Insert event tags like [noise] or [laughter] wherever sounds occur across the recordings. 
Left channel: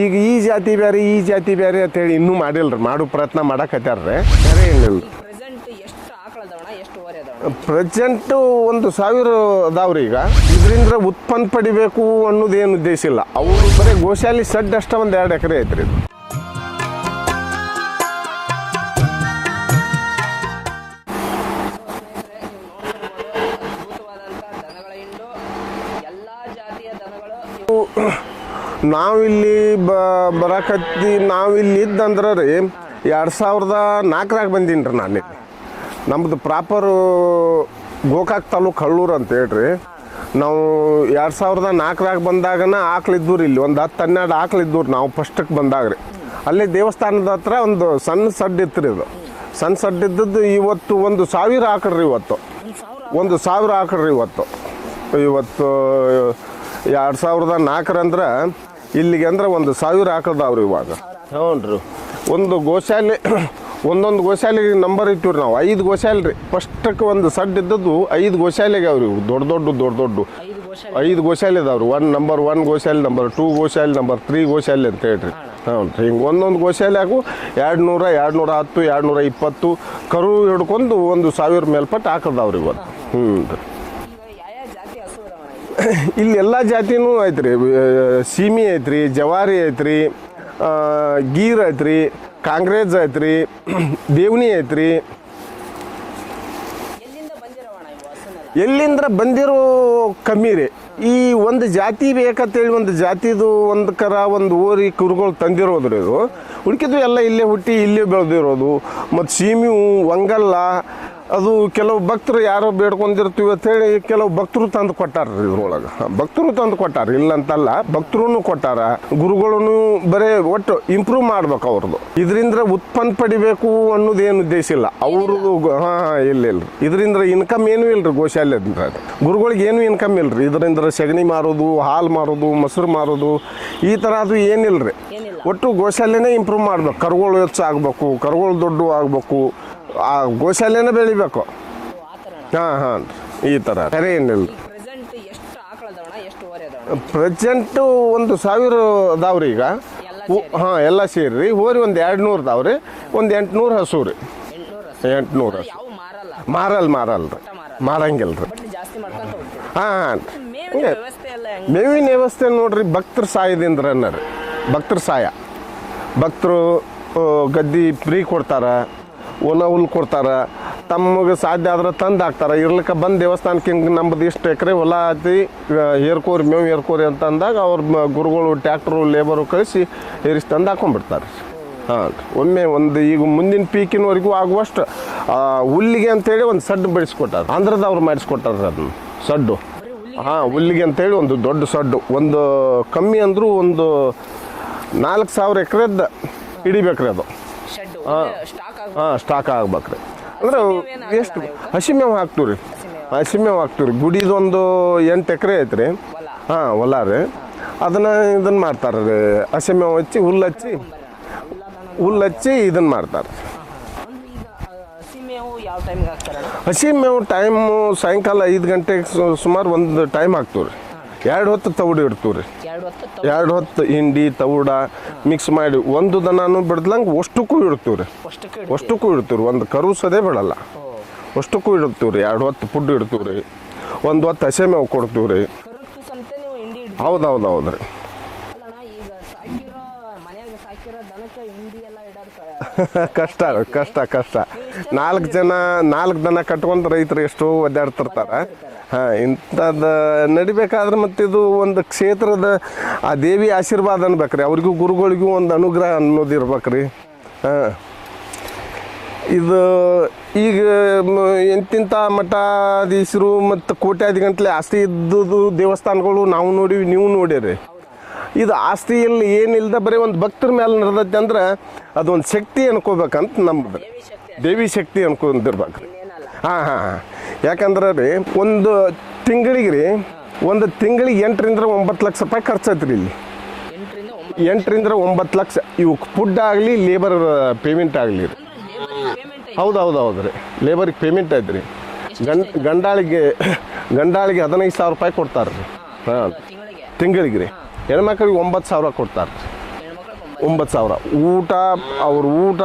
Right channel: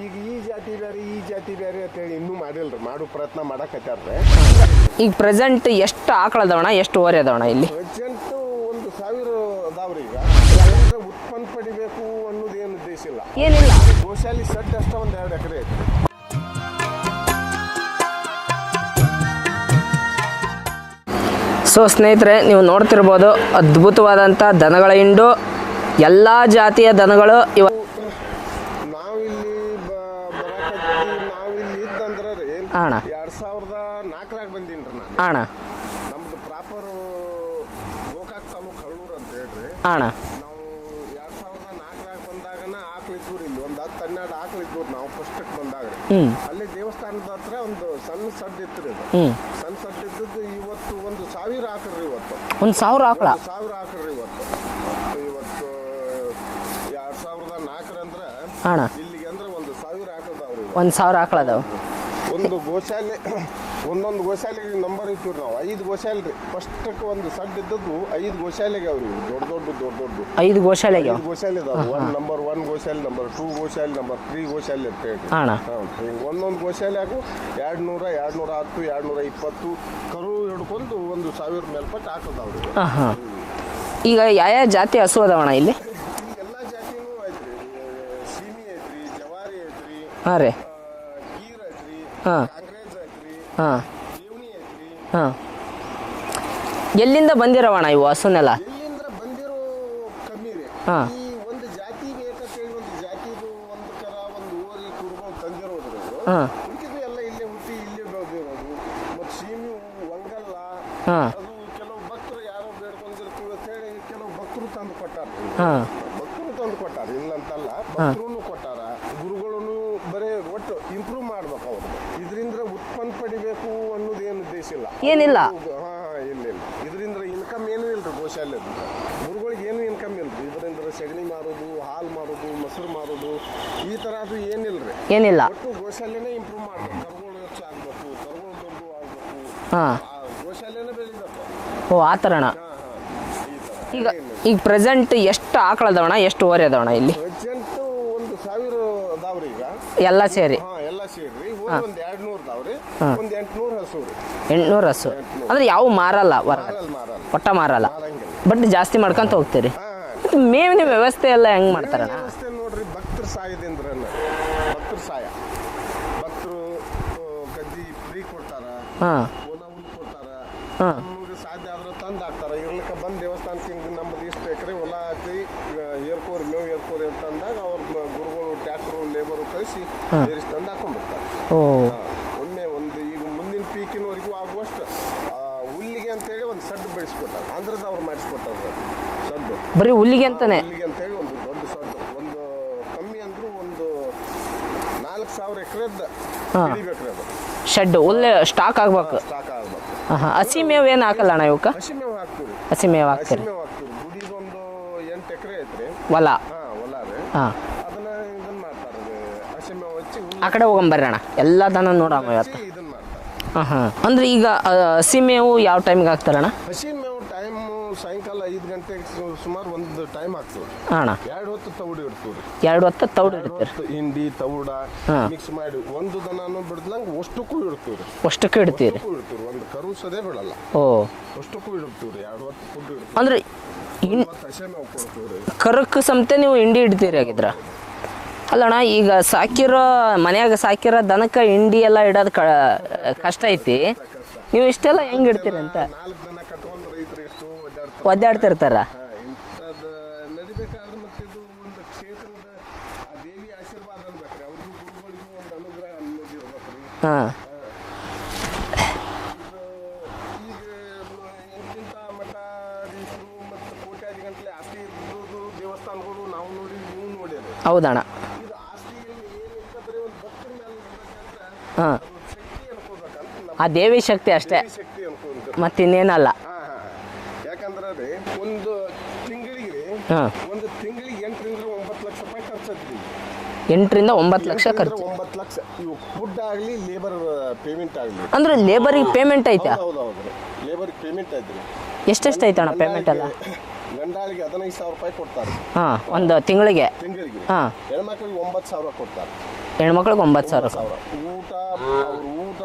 ಈಗ ಈ ಜಾತಿ ಬೇರೆ ಈ ಜಾತಿ ಬೇರೆ ಅಂತೇಳಿ ಇನ್ನೂ ಮಾಡಿಲ್ರಿ. ಮಾಡೋ ಪ್ರಯತ್ನ ಮಾಡಕತ್ತಾರ್ರಿ ಈಗ ಪ್ರೆಸೆಂಟ್ ಎಷ್ಟು ಆಕಳ ಅದಾವಣ ಎಷ್ಟು ಓರಿ ಅದಾವಣ ಇಲ್ಲಿ? ಪ್ರೆಸೆಂಟ್ ಒಂದು ಸಾವಿರ ಅದಾವ್ರಿ ಈಗ. ಇದರಿಂದ ಉತ್ಪನ್ನ ಪಡಿಬೇಕು ಅನ್ನೋದೇನು ಉದ್ದೇಶ ಇಲ್ಲ. ಗೋಶಾಲಿ ಸಡ್ ಅಷ್ಟ ಒಂದು ಎರಡು ಎಕರೆ ಐತ್ರಿ. ಸೊ ಸ್ನೇಹಿತರೆ ನೀವು ನೋಡ್ತಿರ್ಬೋದು ಅದ್ಭುತವಾದಂಥ ದನಗಳ ಹಿಂಡು. ಎಲ್ಲ ಜಾತಿಯ ದನಗಳು ಇವ ನಾವಿಲ್ಲಿ ಬರಕತ್ತಿ ನಾವಿಲ್ಲಿ ಇದ್ದಂದ್ರ ರೀ ಅಣ್ಣ. ಎರಡ್ ಸಾವಿರದ ನಾಲ್ಕರಾಗ ಬಂದೀನಿ ರೀ ನಾನು. ಅಣ್ಣ. ನಮ್ದು ಪ್ರಾಪರ್ ಗೋಕಾಕ್ ತಾಲೂಕ್ ಹಳ್ಳೂರು ಅಂತ ಹೇಳ್ರಿ. ಅಣ್ಣ. ನಾವು ಎರಡ್ ಸಾವಿರದ ನಾಲ್ಕರಾಗ ಬಂದಾಗನ ಆಕ್ಳಿದ್ವು ರೀ ಇಲ್ಲಿ ಒಂದು ಹತ್ತು ಹನ್ನೆರಡು ಆಕ್ಳಿದ್ವು ರೀ ನಾವು ಫಸ್ಟಕ್ಕೆ ಬಂದಾಗ್ರಿ. ಅಲ್ಲಿ ದೇವಸ್ಥಾನದ ಹತ್ರ ಒಂದು ಸಣ್ಣ ಸಡ್ ಇತ್ತು ಇದು ಸಣ್ಣ ಸಡ್ ಇದ್ದದ್ದು ಇವತ್ತು ಒಂದು ಸಾವಿರ ಆಕಳ್ರಿ ಇವತ್ತು. ಒಂದು ಸಾವಿರ ಆಕಳ? ಒಂದು ಸಾವಿರ ಆಕಳ್ರಿ ಇವತ್ತು. ಇವತ್ತು ಎರಡ್ ಸಾವಿರದ ನಾಲ್ಕರಂದ್ರ ಅಣ್ಣ. ಇಲ್ಲಿಗೆ ಅಂದ್ರ ಒಂದು ಸಾವಿರ ಇವಾಗ. ಒಂದು ಸಾವಿರ ಅದಾವ. ಒಂದು ಗೋಶಾಲೆ ಒಂದೊಂದು ಗೋಶಾಲೆಗೆ ನಂಬರ್ ಇಟ್ಟಿವ್ರಿ ನಾವು. ಐದು ಗೋಶಾಲೆ ರೀ. ಫಸ್ಟಕ್ಕೆ ಒಂದು ಸಡ್ ಇದ್ದದ್ದು ಐದು ಗೋಶಾಲೆಗೆ ಅವ್ರಿ ದೊಡ್ಡ ದೊಡ್ಡ ದೊಡ್ಡ ದೊಡ್ಡ. ಐದು ಗೋಶಾಲೆ ಐದು ಗೋಶಾಲೆ ಇದಾವ್ರಿ ಒನ್ ನಂಬರ್ ಒನ್ ಗೋಶಾಲೆ ನಂಬರ್ ಟೂ ಗೋಶಾಲೆ ನಂಬರ್ ತ್ರೀ ಗೋಶಾಲೆ ಅಂತ ಹೇಳ್ರಿ. ಅಣ್ಣ. ಹ್ಞೂ ಹಿಂಗೆ ಒಂದೊಂದು ಗೋಶಾಲೆಯಾಗೂ ಎರಡು ನೂರ ಎರಡು ನೂರ ಹತ್ತು ಎರಡು ನೂರ ಇಪ್ಪತ್ತು ಕರು ಹಿಡ್ಕೊಂಡು ಒಂದು ಸಾವಿರ ಮೇಲ್ಪಟ್ಟು ಹಾಕದಾವ್ರಿ ಇವತ್ತು. ಹ್ಞೂ ಈಗ ಯಾವ ಜಾತಿ ಹಸು ಅದಾವಣ ಇಲ್ಲಿ? [laughs] ಇಲ್ಲಿ ಎಲ್ಲಾ ಜಾತಿನೂ ಐತ್ರಿ. ಸೀಮಿ ಐತ್ರಿ ಜವಾರಿ ಐತ್ರಿ ಆ, ಗೀರ್ ಐತ್ರಿ ಕಾಂಗ್ರೆಸ್ ಐತ್ರಿ ದೇವನಿ ಐತ್ರಿ ಎಲ್ಲಿಂದ ಬಂದಿರವಣ ಇವು ಹಸುನೆಲ್ಲ? ಎಲ್ಲಿಂದ ಬಂದಿರೋ ಕಮ್ಮಿ ರೀ. ಈ ಒಂದು ಜಾತಿ ಬೇಕಂತೇಳಿ ಒಂದು ಜಾತಿದು ಒಂದು ಕರ ಒಂದು ಊರಿ ಕುರುಗಳು ತಂದಿರೋದ್ರಿ ಇದು. ಹುಡುಕಿದ್ವಿ ಎಲ್ಲ ಇಲ್ಲೇ ಹುಟ್ಟಿ ಇಲ್ಲೇ ಬೆಳೆದಿರೋದು. ಮತ್ತು ಸೀಮಿ ಒಂಗಲ್ಲ ಅದು ಕೆಲವು ಭಕ್ತರು ಯಾರೋ ಬೇಡ್ಕೊಂಡಿರ್ತೀವಿ ಅಂತ ಹೇಳಿ ಕೆಲವು ಭಕ್ತರು ತಂದು ಕೊಟ್ಟಾರ್ರಿ ಇವ್ರು. ಭಕ್ತರು ತಂದು ಕೊಟ್ಟಾರ ಇಲ್ಲ ಅಂತಲ್ಲ ಭಕ್ತರು ಕೊಟ್ಟಾರ. ಗುರುಗಳನ್ನು ಬರೇ ಒಟ್ಟು ಇಂಪ್ರೂವ್ ಮಾಡ್ಬೇಕು ಅವ್ರದ್ದು ಇದರಿಂದ ಉತ್ಪನ್ನ ಪಡಿಬೇಕು ಅನ್ನೋದು ಏನು ಉದ್ದೇಶ ಇಲ್ಲ. ಇಲ್ಲ ಇಲ್ಲ. ಇದರಿಂದ ಇನ್ಕಮ್ ಏನೂ ಇಲ್ರಿ ಗೋಶಾಲೆದಿಂದ ಗುರುಗಳಿಗೆ ಏನು ಇನ್ಕಮ್ ಇಲ್ರಿ. ಇದರಿಂದ ಸಗಣಿ ಮಾರೋದು ಹಾಲು ಮಾರೋದು ಮೊಸರು ಮಾರೋದು ಈ ಥರ ಅದು ಏನಿಲ್ರಿ. ಏನಿಲ್ಲ. ಒಟ್ಟು ಗೋಶಾಲೆನೇ ಇಂಪ್ರೂವ್ ಮಾಡ್ಬೇಕು. ಕರುಗಳು ಹೆಚ್ಚು ಆಗ್ಬೇಕು ಕರುಗಳು ದೊಡ್ಡ ಆಗ್ಬೇಕು. ಆ ಗೋಶಾಲೆನೇ ಬೆಳಿಬೇಕು. ಓ ಆ ಥರಣ ಹಾ ಹಾ. ಈ ತರ. ಈಗ ಪ್ರೆಸೆಂಟ್ ಎಷ್ಟು ಆಕಳ ಅದಾವಣ ಎಷ್ಟು ಓರಿ ಅದಾವಣ ಇಲ್ಲಿ? ಪ್ರೆಸೆಂಟ್ ಒಂದು ಸಾವಿರ ಅದಾವ್ರಿ ಈಗ. ಎಲ್ಲ ಸೇರಿ? ಹಾ ಎಲ್ಲ ಸೇರಿ ಹೋರಿ ಒಂದ್ ಎರಡ್ ನೂರ್ ಅದಾವ್ರಿ ಒಂದ್ ಎಂಟ್ನೂರ್ ಹಸು ರೀ ಎಂಟ್ನೂರು ಹಸು ಎಂಟ್ನೂರು. ಅಂದ್ರೆ ಯಾವ ಮಾರಲ್ಲ ಮಾರಲ್ ಮಾರಲ್ ಒಟ್ಟ ಮಾರಲ್ಲ? ಮಾರಂಗಿಲ್ಲ ಬಟ್ ಜಾಸ್ತಿ ಮಾಡ್ಕೊಂತ ಹೋಗ್ತೀರಿ? ಹಾ ಮೇವಿನ ವ್ಯವಸ್ಥೆ ಎಲ್ಲ ಹೆಂಗ್ ಮೇವಿನ ವ್ಯವಸ್ಥೆ ನೋಡ್ರಿ ಭಕ್ತರ ಸಾಯದಿಂದ ಅನ್ನೋದು ಭಕ್ತರ ಸಾಯ ಭಕ್ತರು ಗದ್ದಿ ಫ್ರೀ ಕೊಡ್ತಾರ. ಹಾ. ಒಣ ಹುಲ್ ಕೊಡ್ತಾರ. ತಮಗೆ ಸಾಧ್ಯ ಆದ್ರೆ ತಂದು ಹಾಕ್ತಾರ. ಇರ್ಲಿಕ್ಕೆ ಬಂದು ದೇವಸ್ಥಾನಕ್ಕೆ ಹಿಂಗೆ ನಮ್ದು ಇಷ್ಟು ಎಕರೆ ಹೊಲ ಆತಿ ಏರ್ಕೋರಿ ಮೇವು ಏರ್ಕೋರಿ ಅಂತ ಅಂದಾಗ ಅವ್ರ ಗುರುಗಳು ಟ್ಯಾಕ್ಟ್ರು ಲೇಬರು ಕಳಿಸಿ ಏರಿಸಿ ತಂದು ಹಾಕೊಂಡ್ಬಿಡ್ತಾರೆ. ಒಮ್ಮೆ ಒಂದು ಈಗ ಮುಂದಿನ ಪೀಕಿನವರೆಗೂ ಆಗುವಷ್ಟು ಹುಲ್ಲಿಗೆ ಅಂತೇಳಿ ಒಂದು ಸಡ್ಡು ಬೆಳೆಸ್ಕೊಟ್ಟಾರ. ಆಂಧ್ರದವ್ರು ಮಾಡಿಸ್ಕೊಟ್ಟಾರ ಅದನ್ನ ಸಡ್ಡು. ಬರೀ ಹುಲ್ಲಿಗೆ ಹುಲ್ಲಿಗೆ ಅಂತೇಳಿ ಒಂದು ದೊಡ್ಡ ಸಡ್ಡು. ಒಂದು ಕಮ್ಮಿ ಅಂದ್ರೂ ಒಂದು ನಾಲ್ಕು ಸಾವಿರ ಎಕರೆದ ಹಿಡಿಬೇಕ್ರಿ ಅದು. ಶೆಡ್ ಹುಲ್ಲು ಸ್ಟಾಕ್ ಆಗ್ಬೇಕು. ಸ್ಟಾಕ್ ಆಗ್ಬೇಕು. ಹಸಿ ಮೇವು ಏನ್ ಹಾಕಲ್ಲ ಅಣ್ಣ ಇವಕ್ಕ? ಹಸಿ ಮೇವು ಹಾಕ್ತೀವ್ರಿ. ಹಸಿ ಮೇವು ಹಸಿ ಮೇವು ಹಾಕ್ತೀವ್ರಿ. ಗುಡಿದೊಂದು ಎಂಟು ಎಕರೆ ಐತ್ರಿ. ಹೊಲ. ಹಾ ಹೊಲ ರೀ. ಅದನ್ನ ಇದನ್ನ ಮಾಡ್ತಾರ ರೀ. ಹಸಿ ಮೇವು ಹಚ್ಚಿ ಹುಲ್ಲು ಕಡೆ ಹೋಗಂಬರ್ರಿ ಅಣ್ಣ. ಎಲ್ಲ ದನ ಹುಲ್ಲು ಹಚ್ಚಿ ಇದನ್ನ ಮಾಡ್ತಾರೆ. ಅಂದ್ರೆ ಈಗ ಹಸಿ ಮೇವು ಯಾವ ಟೈಮ್ಗೆ ಹಾಕ್ತಾರಣ್ಣ ಹಸಿ ಮೇವು ಟೈಮ್ ಸಾಯಂಕಾಲ ಐದು ಗಂಟೆಗೆ ಸುಮಾರು ಒಂದು ಟೈಮ್ ಹಾಕ್ತೀವ್ರಿ. ಅಣ್ಣ. ಎರಡು ಹೊತ್ತು ತೌಡು ಇಡ್ತೀವ್ರಿ. ಎರಡು ಹೊತ್ತು ಎರಡು ಹೊತ್ತು ಹಿಂಡಿ ತೌಡ ಮಿಕ್ಸ್ ಮಾಡಿ ಒಂದು ದನಾನು ಬಿಡ್ದಂಗ ಅಷ್ಟಕ್ಕೂ ಇಡ್ತೀವ್ರಿ. ಅಷ್ಟಕ್ಕೆ ಇಡ್ತೀವಿ ಅಷ್ಟಕ್ಕೂ ಇಡ್ತೀವ್ರಿ. ಒಂದು ಕರು ಸದೇ ಬಿಡಲ್ಲ. ಓ. ಅಷ್ಟಕ್ಕೂ ಇಡ್ತೀವ್ರಿ. ಎರಡು ಹೊತ್ತು ಫುಡ್ ಇಡ್ತೀವಿ ಅಂದ್ರೆ- ಒಂದು ಹೊತ್ತು ಹಸೆ ಮೇವು ಕೊಡ್ತೀವ್ರಿ. ಕರಕ್ ಸಮತೆ ನೀವು ಹಿಂಡಿ ಇಡ್ತೀರಿ ಹೌದು ಹೌದು ಹೌದ್ರಿ ಅಲ್ಲಣ್ಣ ಈಗ ಸಾಕಿರೋ ಮನ್ಯಾಗ ಸಾಕಿರೋ ದನಕ್ಕ ಹಿಂಡಿ ಎಲ್ಲ ಇಡೋದು [laughs] ಕಷ್ಟ ಐತಿ. ಕಷ್ಟ ಕಷ್ಟ. ನೀವು ಇಷ್ಟೆಲ್ಲ ನಾಲ್ಕು ಜನ ನಾಲ್ಕು ದನ ಕಟ್ಕೊಂಡ್ ರೈತರು ಎಷ್ಟು ಒದ್ದಾಡ್ತಾರೆ ಒದ್ದಾಡ್ತಿರ್ತಾರ. ಹಾ ಇಂಥದ್ದು ನಡಿಬೇಕಾದ್ರೆ ಮತ್ತೆ ಇದು ಒಂದು ಕ್ಷೇತ್ರದ ಆ ದೇವಿ ಆಶೀರ್ವಾದ ಅನ್ಬೇಕ್ರಿ. ಅವ್ರಿಗೂ ಗುರುಗಳಿಗೂ ಒಂದು ಅನುಗ್ರಹ ಅನ್ನೋದು ಇರ್ಬೇಕ್ರಿ ಹಾಂ. ಹಾ. ಇದು ಈಗ ಎಂತಿಂಥ ಮಠಾಧೀಶರು ಮತ್ತು ಕೋಟ್ಯಾಧಿಗಂಟ್ಲೆ ಆಸ್ತಿ ಇದ್ದುದು ದೇವಸ್ಥಾನಗಳು ನಾವು ನೋಡಿವಿ ನೀವು ನೋಡಿರಿ. ಹೌದಣ್ಣ. ಇದು ಆಸ್ತಿಯಲ್ಲಿ ಏನಿಲ್ದ ಬರೀ ಒಂದು ಭಕ್ತರ ಮೇಲೆ ನಡೆದೈತೆ ಅಂದ್ರೆ ಅದೊಂದು ಶಕ್ತಿ ಅನ್ಕೋಬೇಕಂತ ನಮ್ಮ ದೇವಿ ಶಕ್ತಿ ಅಷ್ಟೇ. ದೇವಿ ಶಕ್ತಿ ಅನ್ಕೊಂಡಿರ್ಬೇಕು. ಮತ್ತಿನ್ನೇನಲ್ಲ. ಹಾ ಹಾ ಹಾ. ಯಾಕಂದ್ರೆ ರೀ ಒಂದು ತಿಂಗಳಿಗೆ ರೀ. ಒಂದು ತಿಂಗಳಿಗೆ ಎಂಟರಿಂದ ಒಂಬತ್ತು ಲಕ್ಷ ರೂಪಾಯಿ ಖರ್ಚೈತ್ರಿ ಇಲ್ಲಿ. ಎಂಟರಿಂದ ಒಂಬತ್ತು ಲಕ್ಷ ಎಂಟರಿಂದ. ಒಂಬತ್ತು ಲಕ್ಷ. ಇವು ಫುಡ್ ಆಗಲಿ ಲೇಬರ್ ಪೇಮೆಂಟ್ ಆಗಲಿ. ಅಂದ್ರೆ ಲೇಬರಿಗೆ ಪೇಮೆಂಟ್ ಐತೆ? ಹೌದು ಹೌದು ಹೌದು ರೀ. ಲೇಬರಿಗೆ ಪೇಮೆಂಟ್ ಐತ್ರಿ. ಎಷ್ಟೆಷ್ಟು ಐತೆ ಗಂಡಾಳಿಗೆ [laughs] ಗಂಡಾಳಿಗೆ ಹದಿನೈದು ಸಾವಿರ ರೂಪಾಯಿ ಕೊಡ್ತಾರೆ. ಒಂದು ತಿಂಗಳಿಗೆ? ತಿಂಗಳಿಗೆ ರೀ. ಹೆಣ್ಮಕ್ಳಿಗೆ ಒಂಬತ್ತು ಸಾವಿರ ಕೊಡ್ತಾರೆ. ಹೆಣ್ಮಕ್ಳಿಗೆ ಒಂಬತ್ತು ಸಾವಿರ. ಒಂಬತ್ತು ಸಾವಿರ. ಊಟ ಅವ್ರ ಊಟ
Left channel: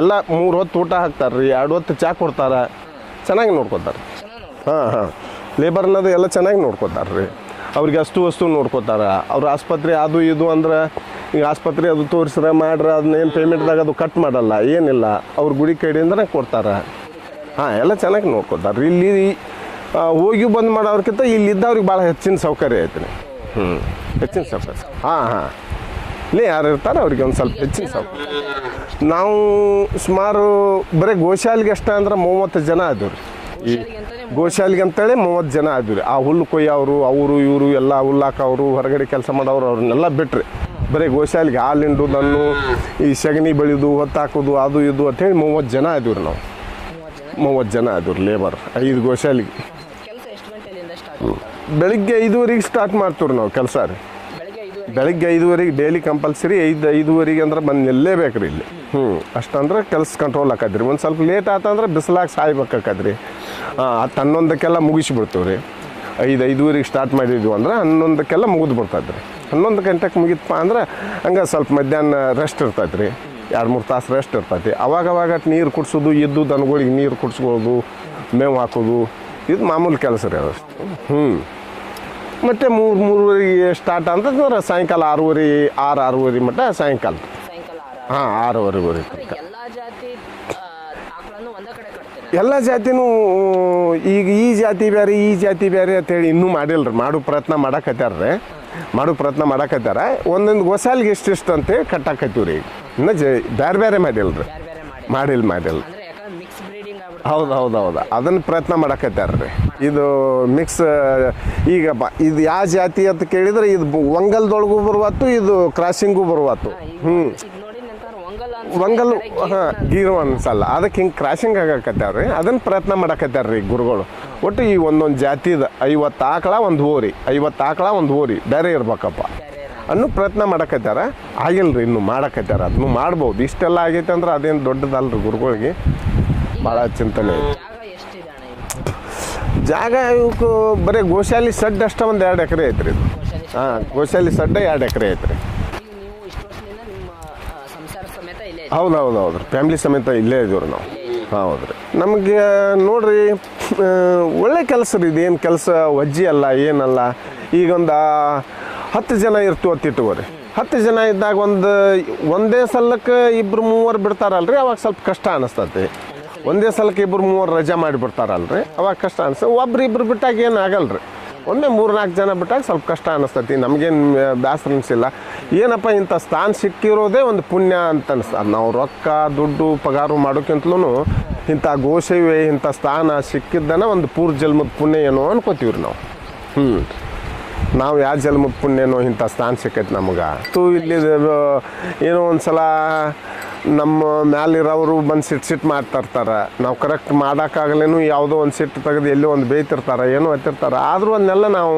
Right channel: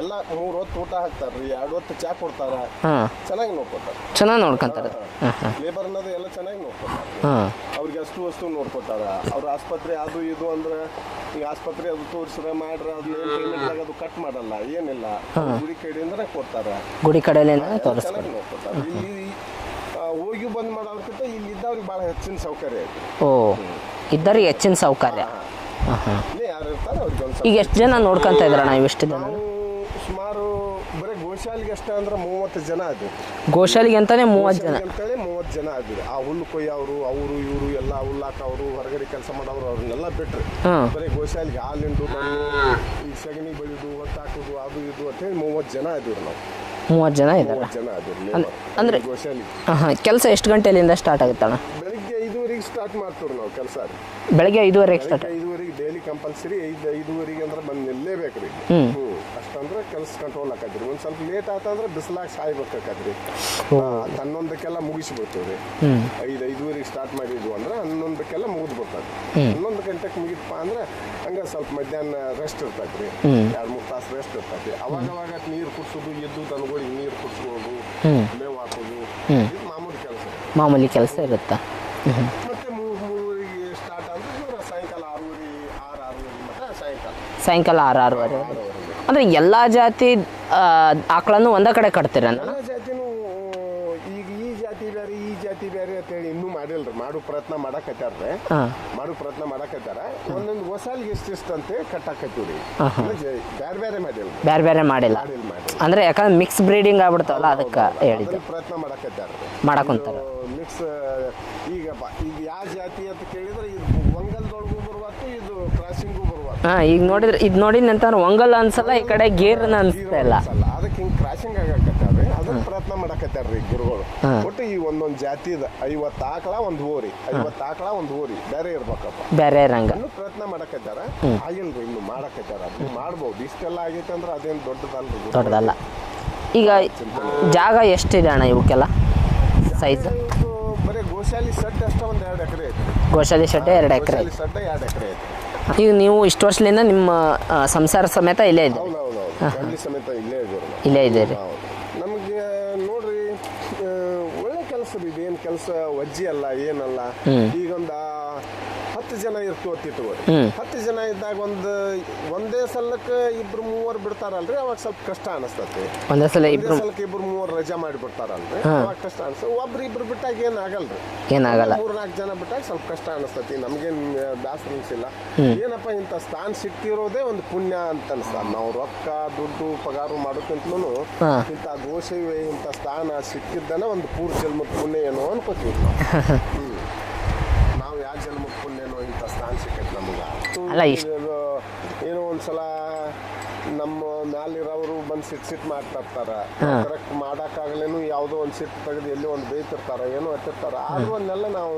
ಎಲ್ಲ ಮೂರು ಹೊತ್ತು ಊಟ ಹಾಕ್ತಾರ್ರಿ ಎರಡು ಹೊತ್ತು ಚಾ ಕೊಡ್ತಾರ. ಹಾಂ. ಚೆನ್ನಾಗಿ ನೋಡ್ಕೊತಾರೆ. ಚೆನ್ನಾಗಿ ನೋಡ್ಕೊಂತ ಹಾ ಹಾಂ. ಲೇಬರ್ ಅನ್ನೋದು ಎಲ್ಲ ಚೆನ್ನಾಗಿ ನೋಡ್ಕೊತಾರ್ರಿ. ಅವ್ರಿಗೆ ಅಷ್ಟು ವಸ್ತು ನೋಡ್ಕೊತಾರ. ಅವ್ರ ಆಸ್ಪತ್ರೆ ಅದು ಇದು ಅಂದ್ರೆ ಈಗ ಆಸ್ಪತ್ರೆ ಅದು ತೋರಿಸ್ರೆ ಮಾಡ್ರ ಅದನ್ನ ಏನು ಪೇಮೆಂಟ್ದಾಗ ಅದು ಕಟ್ ಮಾಡಲ್ಲ ಏನಿಲ್ಲ. ಅವ್ರ ಗುಡಿ ಕಡೆಯಿಂದ ಕೊಡ್ತಾರ. ಗುಡಿ ಕಡೆಯಲ್ಲಿ ಹಾಂ ಎಲ್ಲ ಚೆನ್ನಾಗಿ ನೋಡ್ಕೊತಾರ ಇಲ್ಲಿ ಹೋಗಿ ಬಂದ್ ಮಾಡೋರ್ಕಿಂತ ಇಲ್ಲಿ ಇದ್ದವ್ರಿಗೆ ಭಾಳ ಹೆಚ್ಚಿನ ಸೌಕರ್ಯ ಐತ್ರಿ. ಓ ಹೆಚ್ಚಿನ ಸೌಕರ್ಯ. ಹಾಂ ಯಾರು ಇರ್ತಾರೆ ಅವ್ರಿಗೆ ಒಂದು ಈಗ ಸ್ವಲ್ಪ ಎಷ್ಟು ಜನ ನೋಡ್ಕೊಂತ ಇದ್ರ ಇಷ್ಟು ನಾವು ಸುಮಾರು ಬರೀ ಗೋಶಾಲಿಗೆ ಅಷ್ಟೇ ಅಂದ್ರೆ ಮೂವತ್ತು ಜನ ಆದಿವ್ರಿ. ಗೋಶಾಲಿಗೆ ಅಂತಾನೆ ಮೂವತ್ತು ಜನ. ಗೋಶಾಲಿಗೆ ಅಂತೇಳಿ ಮೂವತ್ತು ಜನ ಆದ್ವಿ ಆ ಹುಲ್ಲು ಕೊಯ್ಯವರು ಅವರು ಇವರು ಎಲ್ಲ ಹುಲ್ಲು ಹಾಕೋರು ಹೊರಗಡೆ ಕೆಲಸ ಮಾಡೋರು ಅವ್ರನ್ನೆಲ್ಲ ಬಿಟ್ರಿ. ಬರೀ ಗೋಶಾಲಿಗೆ ಹಾಲಿಂಡು ನನ್ನು ಈ ಸಗಣಿ ಬೆಳೆದು ಹೊತ್ತಾಕೋದು ಅದು ಇದು ಅಂತೇಳಿ ಮೂವತ್ತು ಜನ ಆದಿವ್ರಿ ನಾವು. ಮೂವತ್ತು ಜನ ಮೂವತ್ತು ಜನ ಆದರು ಲೇಬರ್ ಐದು ಗೋಶಾಲಿಗೆ ಕೆಲಸ ಎಷ್ಟು ಗಂಟೆಲಿಂದ ಸ್ಟಾರ್ಟ್ ಆಗುತ್ತಣ್ಣ? ಬೆಳಿಗ್ಗೆ ಐದುವರೆಗೆ ಸ್ಟಾರ್ಟ್ ಮಾಡ್ತೀವಿ ನಾವು ಕೆಲಸ ರೀ. ಬೆಳಗ್ಗೆ ಐದುವರೆ ಬೆಳಿಗ್ಗೆ ಐದುವರೆಗೆ ಡೈಲಿ ಕಂಪಲ್ಸರಿ ಐದು ಐದುವರೆಗೆ ಅಂದ್ರೆ ಬಂದು ನಿಲ್ಲೇಬೇಕ್ರಿ ಇಲ್ಲಿ. ಹ್ಞೂ ಅಷ್ಟಂದ್ರೆ ಕೆಲಸ ಕಂಟ್ರೋಲ್ ಆಕತ್ರಿ ಒಂದು ಸ್ವಲ್ಪ ಲೇಟ್ ಆತಂದ್ರೆ ಬಿಸಿಲಾಗ ಸಾಯ್ಬೇಕಾಕತ್ರಿ ಹತ್ತು ಹನ್ನೊಂದಕ್ಕೆಲ್ಲ ಮುಗಿಸ್ಬಿಡ್ತೀವಿ ರೀ ಐದು ಐದುವರೆಗೆ ಸ್ಟಾರ್ಟ್ ಮಾಡಿದ್ವಿ ಅಂದ್ರೆ ಹನ್ನೊಂದಕ್ಕೆಲ್ಲ ಮುಗಿದು ಬಿಡ್ತದ್ರಿ ಹನ್ನೊಂದು ಗಂಟೆಗೆ ಮುಗಿತಪ್ಪ ಅಂದ್ರೆ ಹಂಗೆ ಸ್ವಲ್ಪ ಮಧ್ಯಾಹ್ನ ರೆಸ್ಟ್ ಇರ್ತೈತ್ರಿ ಎರಡು ಮೂರು ತಾಸು ರೆಸ್ಟ್ ಇರ್ತೈತಿ ಅವಾಗ ಅವಾಗ ನೀರು ಕುಡ್ಸೋದು ಎದ್ದು ದನಗಳಿಗೆ ನೀರು ಕುಡಿಸ್ಬೋದು ಮೇವು ಹಾಕೋದು. ಇದು ಮಾಮೂಲಿ ಕೆಲಸ ರೀ ಅದು. ಮಾಮೂಲಿ ಕೆಲಸ ಮತ್ತೆ ಮೂರು ಮೂರುವರೆಗೆ ಸ್ಟಾರ್ಟ್ ಅಂತಂದ್ರೆ ಸಾಯಂಕಾಲ ಆರೂವರೆ ಆರು ಆರೂವರೆ ಮಟ್ಟ ಸಾಯಂಕಾಲ. ಸಾಯಂಕಾಲ ಆರು ಆರು ಹಾಂ ಆರೂವರೆವರೆಗೆ ಅಂದ್ರೆ ಎಲ್ಲಾ ಜಾತಿ ಆಕಳನ್ನು ಒಂದ ಕಡೆ ಕಟ್ತೀರ ಎಲ್ಲ ಜಾತಿನೂ ಈಗ ಈ ಜಾತಿ ಬೇರೆ ಈ ಜಾತಿ ಬೇರೆ ಅಂತ ಹೇಳಿ ಇನ್ನೂ ಮಾಡಿಲ್ರಿ. ಮಾಡೋ ಪ್ರಯತ್ನ ಮಾಡಕತ್ಯಾರ್ರಿ. ಹಾ. ಮಾಡೋ ಪ್ರಯತ್ನ ಮಾಡಕತ್ಯಾರ. ಒಂದೊಂದು ಹೊಸಾಲ್ಗೆ ಎಷ್ಟೆಷ್ಟು ಅಂತೇಳಿ ಕಟ್ಟಾಕತ್ತೀವಿ ರೀ ಇನ್ನು ಜ ಬೇರೆ ಬೇರೆ ಮಾಡಿಲ್ರಿ. ಬೇರೆ ಬೇರೆ ಮಾಡಿಲ್ಲ. ಮಾಡಿಲ್ಲ ಮಾಡಿಲ್ಲ ಅಂದ್ರೆ ಯಾಕಂದ್ರೆ ಮಿಕ್ಸ್ ಬ್ರೀಡಿಂಗ್ ಹೌದು ಹೌದು ಹೌದು. ಅದನ್ನ ಪ್ರಯತ್ನ ಮಾಡಕತ್ತಾರ್ರಿ ಮಾಡಕತ್ತಾರ. ಇದು ಮಿಕ್ಸ್ ಈಗ ಇದು ಯಾವ ಜಾತಿ ಅಂತ ಕೇಳಿದ್ರೆ ಇದು ವಂಗಲ್ದೊಳಗು ಒಂಗಲ್ದೊಳಗೂ ಬರುವತ್ತು ಇದು ಕ್ರಾಸಿಂಗು ಬರುವತ್ತು. ಹಾ ಈಗ ನೋಡಿದ್ರೆ ಇದು ನೋಡಿ ನಂತರ ಒಂಗಲ್ ಅನ್ಸಲ್ಲ ಈ ಕಡೆ ಗೀರ್ ಗೀರು ಅನ್ಸಲ್ಲ. ಅದಕ್ಕೆ ಹಿಂಗೆ ಕ್ರಾಸಿಂಗ್ ಆಗಕತ್ತಾರ್ರಿ ಅದನ್ನ ಪ್ರಯತ್ನ ಮಾಡಕತ್ತಾರ್ರಿ ಗುರುಗಳು. ಒಟ್ಟು ಈ ಒಂದೊಂದು ಜಾತಿದ ಐವತ್ತು ಆಕಳ ಒಂದು ಹೋರಿ ಐವತ್ತು ಆಕಳ ಒಂದು ಹೋರಿ ಬೇರೆ ಇರ್ಬೇಕಪ್ಪ. ಬೇರೆ ಅನ್ನು ಪ್ರಯತ್ನ ಮಾಡಕತ್ತಾರ? ಆಗಿಲ್ರಿ ಇನ್ನು ಮಾಡಕತ್ತಾರ. ಅದನ್ನು ಮಾಡ್ಬೋದು. ಇಷ್ಟೆಲ್ಲ ಆಗೈತೆ ಅಂದ್ರೆ ಅದೇನು ದೊಡ್ಡದಲ್ರಿ ಗುರುಗಳಿಗೆ? ಈಗ ಚಿಂತನೆ. ಜಾಗ ಎಷ್ಟಿದೆ ಅಣ್ಣ ಇವಕ್ಕೆಲ್ಲ? ಜಾಗ ಇವಕ್ಕೆ ಬರೀ ಗೋಶಾಲಿ ಸಡ್ ಅಷ್ಟ ಒಂದ್ ಎರಡು ಎಕರೆ ಐತ್ರಿ. ಗೋಶಾಲಿ ಶೆಡ್ ಎರಡು ಎಕರೆ. ಗೋಶಾಲಿ ಸಡ್ಡ ಎರಡು ಎಕರೆ ಐತ್ರಿ. ಈಗ ನೀವು ಇಷ್ಟು ವರ್ಷದಿಂದ ನಿಮ್ಮ ಆ, ಸಂಸಾರ ಸಮೇತ ಇಲ್ಲೇ ಇದೆ ಹೌದು ಹೌದು ಹೌದು ಫ್ಯಾಮಿಲಿ ಸಮೇತ ಇಲ್ಲೇ ಇದೀವ್ರಿ ನಾವು. ಇಲ್ಲೇ ಇದೆ ಹೌದ್ರಿ. ನಮಗೆ ನೋಡ್ರಿ ಆ, ಒಳ್ಳೆ ಕೆಲಸ ರೀ ಇದೇನು ಕೆಲಸ ವಜ್ಜಿ ಅಲ್ಲ ಏನಲ್ಲ. ಈಗ ಒಂದು ಹತ್ತು ಜನ ಇರ್ತೀವಿ ಅಂತ ಇಟ್ಕೋರಿ ಹತ್ತು ಜನ ಇದ್ದಾಗ ಒಂದು ಒಂದೇ ಸಲಕ್ಕೆ ಇಬ್ರು ಮೂವರು ಬಿಡ್ತಾರಲ್ರಿ ಅವಾಗ ಸ್ವಲ್ಪ ಕಷ್ಟ ಅನಿಸ್ತತಿ ಒಂದೇ ಸಲಕ್ಕ ಇಬ್ರು ಮೂವರು ರಜಾ ಮಾಡಿ ಬಿಡ್ತಾರಲ್ರಿ ಅವಾಗ ಕಷ್ಟ ಅನ್ಸ ಒಬ್ರು ಇಬ್ರು ಬಿಟ್ಟಾಗ ಏನು ಆಗಲ್ರಿ? ಮೂರ್ನಾಲ್ಕು ಒಂದೇ ಮೂರ್ ನಾಲ್ಕು ಜನ ಬಿಟ್ಟಾಗ ಸ್ವಲ್ಪ ಕಷ್ಟ ಅನಿಸ್ತತಿ ನಮ್ಗೇನ್ ಬೇಸರ ಅನಿಸಿಲ್ಲ ಏನಪ್ಪ ಇಂಥ ಸ್ಥಾನ ಸಿಕ್ಕಿರೋದೇ ಒಂದು ಪುಣ್ಯ ಅಂತ ಅನಿಸ್ತದೆ ನಾವು ರೊಕ್ಕ ದುಡ್ಡು ಪಗಾರು ಮಾಡೋಕ್ಕಿಂತಲೂ ಇಂಥ ಗೋಸೇವೆ ಇಂಥ ಸ್ಥಾನ ಸಿಕ್ಕಿದ್ದನ ಒಂದು ಪೂರ್ ಜನ್ಮದ ಪುಣ್ಯ ಏನೋ ಅನ್ಕೋತೀವ್ರಿ ನಾವು. [laughs] ಹ್ಮ್. ನಾವು ಯಾವ ಜನ್ಮ ಪುಣ್ಯನೋ ಇಂಥ ಸ್ಥಾನ ಸಿಕ್ಕೈತೆ ನಮ್ಗೆ. ಏನೋ ಒಂದ್ಸಲ ನಮ್ಮ ಮ್ಯಾಲಿರೋರು ಬಂದು ಸಿಟ್ ಸಿಟ್ ಮಾಡ್ತಾ ಇರ್ತಾರೆ ನಾವು ಕರೆಕ್ಟ್ ಮಾಡೋಕ್ಕಾಗಲೇನು ಯಾವುದೋ ಒಂದು ಸಿಟ್ಟು ತೆಗೆದು ಎಲ್ಲೋ ಒಂದು ಬೇಯ್ತಿರ್ತಾರೆ ಏನೋ ಹತ್ತಿರ್ತಾರೆ. ಆದರೂ ಅದನ್ನೆಲ್ಲ ನಾವು